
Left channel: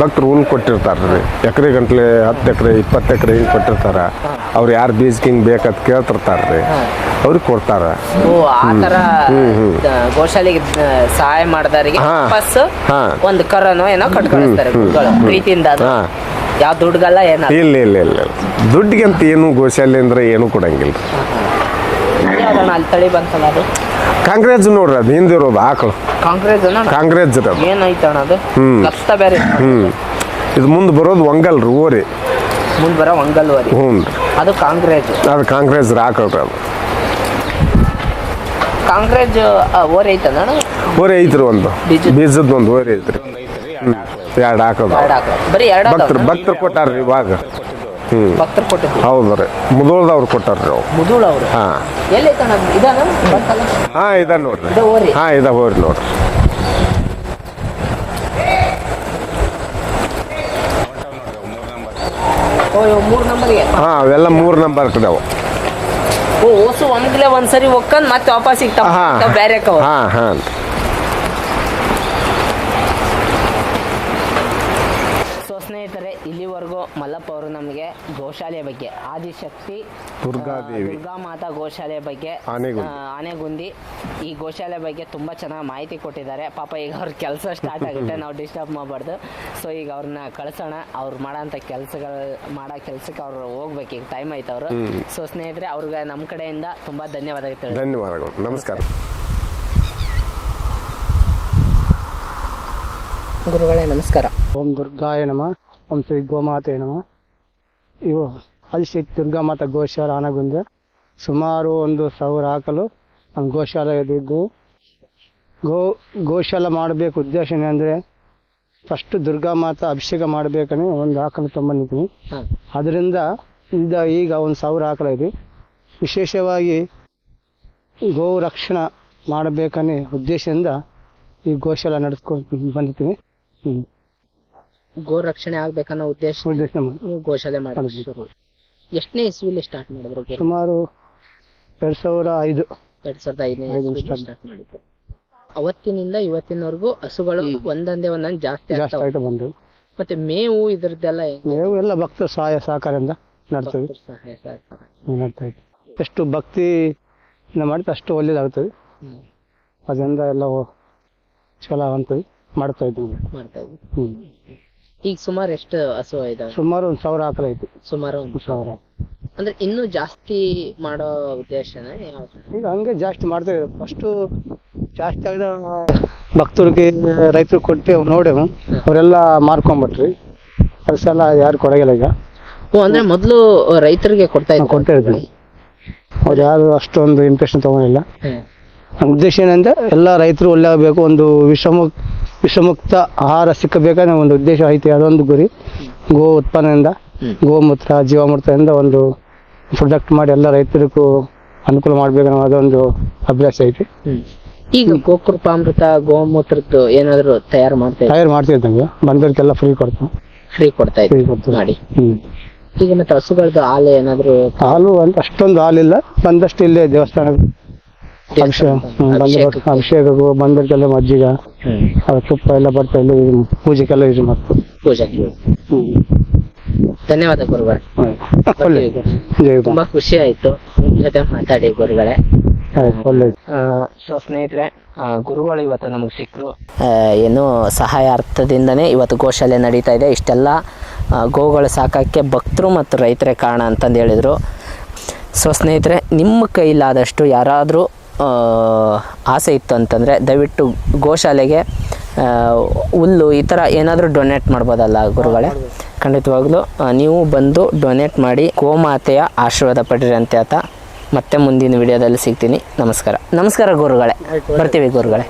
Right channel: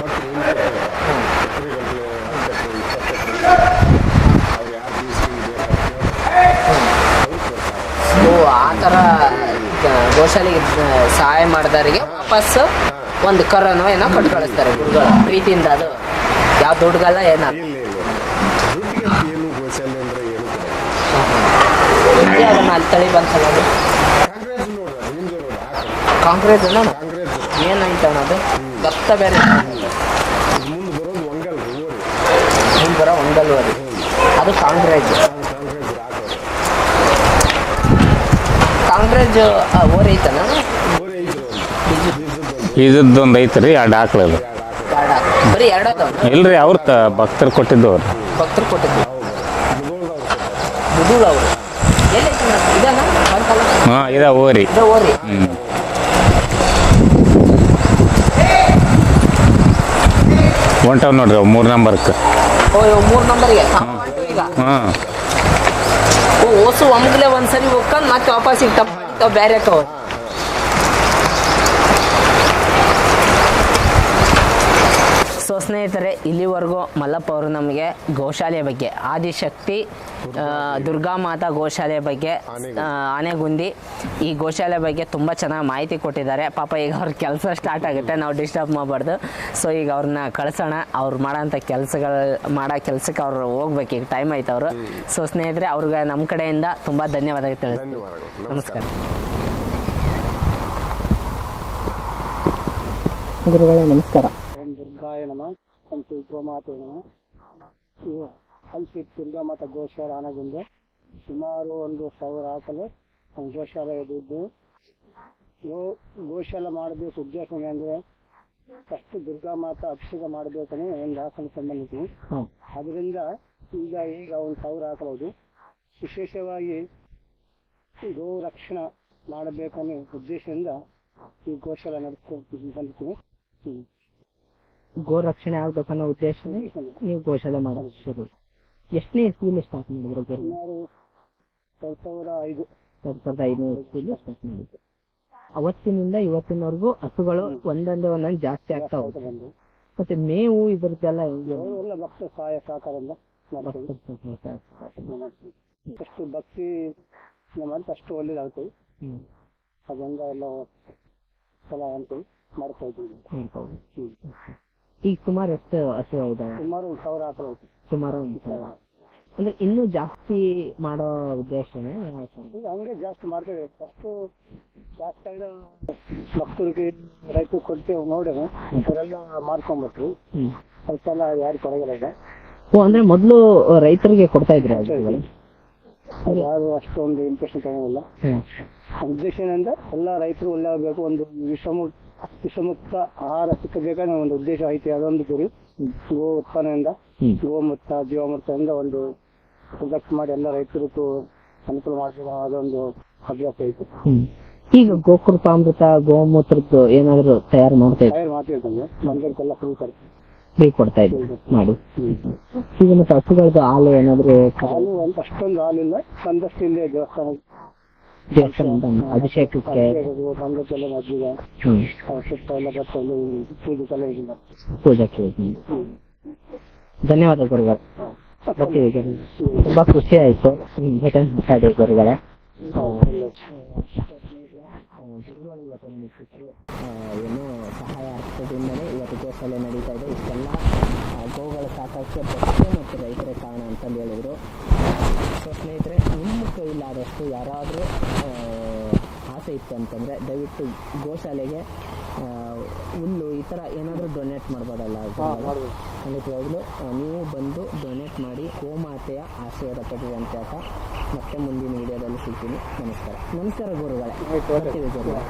ಭಕ್ತರು ಹುಲ್ಲು ಕೊಟ್ಟಿರ್ತಾರೆ ಎಕರೆ ಗಂಟ್ಲೆ ಹತ್ತು ಎಕರೆ ಇಪ್ಪತ್ತು ಎಕರೆ ಹಿಂಗೆ ಕೊಟ್ಟಿರ್ತಾರ. ಅವ್ರು ಯಾರು ಬೀಜಕ್ಕೆ ಹಿಂಗೆ ಬೇಕಂತ ಕೇಳ್ತಿರ್ತಾರೆ ಅವ್ರಿಗೆ ಕೊಡ್ತಾರ. ಸಹಾಯ ಮಾಡಿದವರಿಗೆ. ಒಂದು ಕರೋನೋ ಏನೋ ಕಟ್ ಕಳಿಸ್ತಾರೆ. ಪ್ರೀತಿಯಿಂದ. ಯಾವ ದುಡ್ಡುಗಲ್ಲ ಏನಲ್ಲ ಇಲ್ಲ ಇಲ್ಲ ಇಲ್ಲ. ದುಡ್ಡಿಗೆ ಅಂತ ಏನು ಗೋಶಾಲೆ ಅಂದ್ರೆ ಏನು ಕೊಡಂಗಿಲ್ಲ. ಕಾಂಗ್ರೆಸ್ ನೋಡ್ರಿ ಅದು ಹಿಂದಿರೋದು ಆಕಳು ಕಾಂಗ್ರೆಸ್ ಕಾಂಗ್ರೆಸ್ ಹ್ಞೂ ಇದು ಮುಂದೆ ಬರೋದು ಒಂಗಲ್ ರೀ ಓರಿ. ಹ್ಞೂ ಅದು ಕಾಂಗ್ರೆಸ್ ಅದು ಕಾಂಗ್ರೆಸ್ ಆಕಳ್ರಿ ಅದು. ಕಾಂಗ್ರೆಸ್ ಓರ್ ಐತದ ಓರಿ ಐತ್ರಿ ಒಂದು. ಬೀಜದ ಒಂದು ಇದೊಂದು ಐತ್ರಿ ಎರಡು ಆಕಳು ಎರಡು ಆಕಳು ಬರೀ ಎರಡು ಭಕ್ತರು ಇಲ್ರಿ ಅವ್ರು. ಭಕ್ತರು ಕೊಟ್ಟಿದ್ದು ಭಕ್ತರು ಕೊಟ್ಟಿದ್ದು. ಹೌದು ರೀ. ಮುದೋಳ್ದವ್ರು ಕೊಟ್ಟಾರ್ರಿ ಅವು ಹಾಂ. ಹಾಂ ಹಾ, ಇದ ಇದಾವೆ. ಓರಿ ಹಾಂ ಇದಾವೆ ಹೋರಿ ನೋಡಿ ಹೊಂಟವ್ ನೋಡ್ರಿ ಅವು ಮೂರು ನಂಬರ್ಗೆ ಓ ಮೂರು ನಂಬರ್ ಹಾಂ ಅವೆಲ್ಲ ಮೂರು ನಂಬರ್ ಇದಾವೆ ಓ ಓಸು ಒಮ್ಗಲ ಒಂದ್ಸರಿ ಹೋಗ್ಕೊಂಡು ಮತ್ತೆ ವಾಪಸ್ ಹಾ. ಸಿಗ್ತಾವ ಬೇರೆ ಹಾಂ ಹಾಂ. ಸೊ ಸ್ನೇಹಿತರೆ ಇಲ್ಲಿವರೆಗೂ ಮಲ್ಲಪ್ಪ ಅವರು ನಮಗೆ ಗೋಶಾಲೆ ಬಗ್ಗೆ ಆದಿಶಕ್ತಿ ದುರ್ಗಾ ಮಾತಾ ಗೋಶಾಲೆ ಬಗ್ಗೆ ಆನೆಗುಂದಿ. ಈ ಗೋಶಾಲೆ ಬಗ್ಗೆ ತುಂಬ ಚೆನ್ನಾಗಿ ಮಾಹಿತಿ ಕೊಟ್ಟಿದ್ದಾರೆ. ಪಾಪ ಈಗ ಅವ್ರ ಕೆಲಸ ಸ್ಟಾರ್ಟ್ ಆಗುತ್ತೆ ನಾವು ಡಿಸ್ಟರ್ಬ್ ಮಾಡಬಾರ್ದು. ಸೊ ಈಗ ಅವ್ರನ್ನ ಕಳ್ಸೋಣ. ಅವ್ರು ಮಾಡೋಂಥ ಕೆಲಸಗಳ ಮಾಡೋ ಕೆಲಸಕ್ಕೆ ಅವ್ರು ಹೋಗ್ಬೇಕು. ಈಗ ಟೈಮ್ ಆಯ್ತು ಅವರು. ಸೊ ಸ್ನೇಹಿತರೆ ಅವ್ರಿಗೆ ನಮ್ಮ ಕಡೆಯಿಂದ ತುಂಬ ಧನ್ಯವಾದ ಧನ್ಯವಾದಗಳು. ನಮಸ್ಕಾರ. ಗುರುಗಳೇ ನಮಸ್ಕಾರ. ಓಂ ದುರ್ಗಾಯ ನಮ. ಓಂ ಶ್ರೀ ಗೋಮಾತೆ ನಮ. ಇವು ಅಲ್ಲಿ ದುರ್ಗಾ ಮಾತಾ ಗೋಶಾಲ ಆನಗುಂದೆ. ಸುಮಾರು ಒಂದು ಸಾವಿರ ಹಾಕಲು ನಮ್ಮ ಗೋಶಾಲೆ ಇದ್ದು ಗೋ ಗೋಶಾಲ ಮಾಡಬೇಕು ಉದ್ದೇಶ ಏನಂದರೆ ಫಸ್ಟ್ ದುರ್ಗಾ ಮಾತಾ ಅಭಿಷೇಕ ಮಾಡ್ಬೇಕನ್ನೇ ಒಂದು ಹಾಕಲು ತೊಗೊಂಬಂದಿದ್ದೀನಿ ಹಾಂ. ಅದರಿಂದ ಇದ್ದ ಈಗ ಒಂದು ಸಾವಿರ ಆಕಲ ಇದೆ. ವಿಶೇಷವಾಗಿ ಗೋ ರಕ್ಷಣೆ ಮಾಡಬೇಕನ್ನೇ ಉದ್ದೇಶದಿಂದ ಈ ಗೋಶಾಲ ನಡೆಸ್ಕೊಂಡು ಬಂದಿದ್ದೀನಿ. ಗೋ ರಕ್ಷಣೆ ಆಗ್ಬೇಕನ್ನೋ ಉದ್ದೇಶ ಉದ್ದೇಶ ಮಾಡಿ. ನೀವು ಗೋಶಾಲೆ ಮಾಡೋದು ಶುರು. ಎಷ್ಟನೇ ಇಸ್ವಿಲಿ ಸ್ಟಾರ್ಟ್ ಮಾಡಿದ್ರು ಗೋ? ಸುಮಾರು ಎರಡ್ ಸಾವಿರ ಐದು. ಎರಡ್ ಸಾವಿರದ ಐದನೇ ಐದು start. ಸ್ಟಾರ್ಟ್ ಮಾಡಿದ್ರು. ಅವತ್ತಿನಿಂದ ಇವತ್ತಿನವರೆಗೂ ಹಸುಗಳು ಒಂದೊಂದೇ ಒಂದೊಂದು ಜಾಸ್ತಿ ಜಾಸ್ತಿ ಆಗ್ತಾವೆ ಆಯ್ತು ಬಂದು. ಮತ್ತೆ ಮೇವು ಇದ್ರದ್ದೆಲ್ಲ ಮೇವು ಎಲ್ಲ ಭಕ್ತ ಸಹಾಯ ಸಹಕಾರದಿಂದ ನಡ್ತೀವಿ ಸಹಾಯ ಸಹಕಾರ. ನಡ್ತಾ ಇದ್ವಿ ಎಷ್ಟು ಭಕ್ತಿ ಮಾಡಿದ್ರೆ ಅಷ್ಟು ಒಳ್ಳೇದಾಗ್ತದೆ. ಹ್ಮ್. ಅದರಿಂದ ಎಲ್ಲ ಚಲೋ ಅಂತೀವಿ ಮಾಡ್ತಾ ಇದ್ದೀವಿ. ಮಾಡ್ತಾ ಇದ್ವಿ ಹ್ಞೂ ಈಗ ಸುಮಾರು ಎಷ್ಟು ಹಸು ಇದಾವೆ? ಸುಮಾರು ಒಂದು ಸಾವಿರ ಆಕಳ ಐತಿ. ಸುಮಾರು ಒಂದು ಸಾವಿರ. ಅಂದ್ರೆ ಇನ್ನೂ ಜಾಸ್ತಿ ಮಾಡೋ ಉದ್ದೇಶನ ಯಾವ್ದು? ಈಗ ಹಂಗೆ ಜಾಸ್ತಿ ಮಾಡ್ತಾ ಇದ್ದೀವಿ. ಫಸ್ಟು ಜಾಸ್ತಿ ಆಗಿದ ಭಕ್ತರಿಗೆ ರೈತರು ಕೊಟ್ಟು ನೋಡೇವು. ಅವರೆಲ್ಲ ಮಾರ್ಕೊಂಬಿಟ್ರಿ. ಹ್ಮ್. ಅದು ಸಲ ಯಾರು ಕೊಡಗಿಲ್ಲ ಈಗ. ಓ ಅಂದ್ರೆ ಮೊದಲು ರೈತರಿಗೆ ಕೊಡ್ತಾ ಇದ್ರು? ಕೊಡ್ತಾ ಇದ್ವಿ. ಅವ್ರು ಯಾರು ಅಷ್ಟೊಂದು ಇಂಪ್ರೆಷನ್ ತಗೊಂಡಿಲ್ಲ. ಹ್ಮ್. ನಮ್ಮ ಉದ್ದೇಶ ಏನಂದ್ರೆ ಎಲ್ಲ ರೈತರು ಒಳ್ಳೆ ಆಗಬೇಕು. ಒಂದು ವಿಷಮುಕ್ ವಿಷಮುಕ್ತ ಆಹಾರ ಸಿಕ್ಕಬೇಕನ್ನೋ ಒಂದು ಉದ್ದೇಶ ಐತಿ. ಅದೊಂದು ಗುರಿ. ಗೋ ಉತ್ಪನ್ನದಿಂದ. ಗೋಮೂತ್ರ ಜೀವಾಮೃತದಿಂದ ಒಂದು ಪ್ರೊಡಕ್ಟ್ ಮಾಡಿ ಎಲ್ಲ ರೈತರಿಗೂ ಅನುಕೂಲ ಮಾಡ್ಬೇಕನ್ನೋ ಅದೊಂದು ಅಭ್ಯಾಸ ಐತಿ. ಈಗ ಗೋಕೃಪ ಅಮೃತ ಗೋಮೂತ್ರದ್ದು ಏನಾದ್ರು ತಯಾರು ಮಾಡ್ತಾ ಇದ್ದಾರೆ? ತಯಾರು ಮಾಡ್ತಿದ್ದಂಗೆ ಬಂದವ್ರಿಗೆಲ್ಲ ಫ್ರೀ ಕೊಡ್ತೀವಿ. ಫ್ರೀ ಕೊಡ್ತಾ ಮಾಡಿ. ಈಗ ಮತ್ತೆ ಹಸುಗಳದ್ದು ಹಾಲು ಏನಾದ್ರು ಹಾಲು ಅಂತ ಅಷ್ಟೊಂದು ಹಾಲಿಲ್ಲ. ಬಂದಷ್ಟು ಇಲ್ಲೇ ದೇವಸ್ಥಾನ ಅಭಿಷೇಕ ಹ್ಮ್, ಮಜ್ಜಿಗ ಅಭಿಷೇಕಕ್ಕೂ. ಬಂದವ್ರಿಗೆಲ್ಲ ಮಜ್ಜಿಗೆ ಹ್ಮ್. ಆ ತುಪ್ಪ ಎಲ್ಲ ಬರ್ತಾ ಇಲ್ಲಿ ಪೂಜೆಗೆಲ್ಲ ಇದು ಮಾಡ್ತೀವಿ. ಪೂಜೆ. ಧನ್ಯವಾದ ಗುರುಗಳೇ. ಒಳ್ಳೆ ಜೈ ತುಂಬಾ ಖುಷಿ ಆಯ್ತು ನಿಮ್ ಜೊತೆ ಮಾತಾಡಿ ಗುರುಗಳೇ. ಆಯ್ತು ಒಳ್ಳೆ ಸೊ ಸ್ನೇಹಿತರೆ ಆ, ಗುರುಗಳು ಇವತ್ತು ನಮಗೆ ಸಿಕ್ಕರು ಏನು ಸಹಾಯಾರ್ಥದಿಂದನೇ ಇವತ್ತು ಗೋಶಾಲೆ ನಡೀತಾ ಇದೆ. ಇಷ್ಟೆಲ್ಲ ಆ, ಗೋಗಳು ಸಾಕಕ್ಕೆ ಭಕ್ತರು ಮತ್ತು ರೈತರೇ ಕಾರಣ ಅಂತಂದು ಹೇಳಿದರು. ಸೊ ಸ್ನೇಹಿತರೆ, ನಿಮ್ಮ ಕೈಲಾದಷ್ಟು ಯಾರಾದರೂ ಆಸೆ ಇತ್ತು ಅಂತಂದರೆ ದಯವಿಟ್ಟು ಗೋಶಾಲೆಗೆ ಹುಲ್ಲು ಈ ಥರ ಏನಾದರೂ ಡೊನೇಟ್ ಮಾಡ್ಬೋದಲ್ಲ ಗುರುಗಳೇ? ಖಂಡಿತವಾಗ್ಲೂ ನೀವು ಬಂದು ಡೊನೇಟ್ ಮಾಡಿ ಗೋಮಾತೆಯ ಆಶೀರ್ವಾದ ಪಡಿರಿ ಅಂತ ಹೇಳ್ತಾ ಮತ್ತೆ ಮುಂದಿನ ವಿಡಿಯೋದಲ್ಲಿ ಸಿಗ್ತೀನಿ. ನಮಸ್ಕಾರ. ನಮಸ್ಕಾರ ಗುರುಗಳೇ. ಬರ್ತೀವಿ ಗುರುಗಳೇ.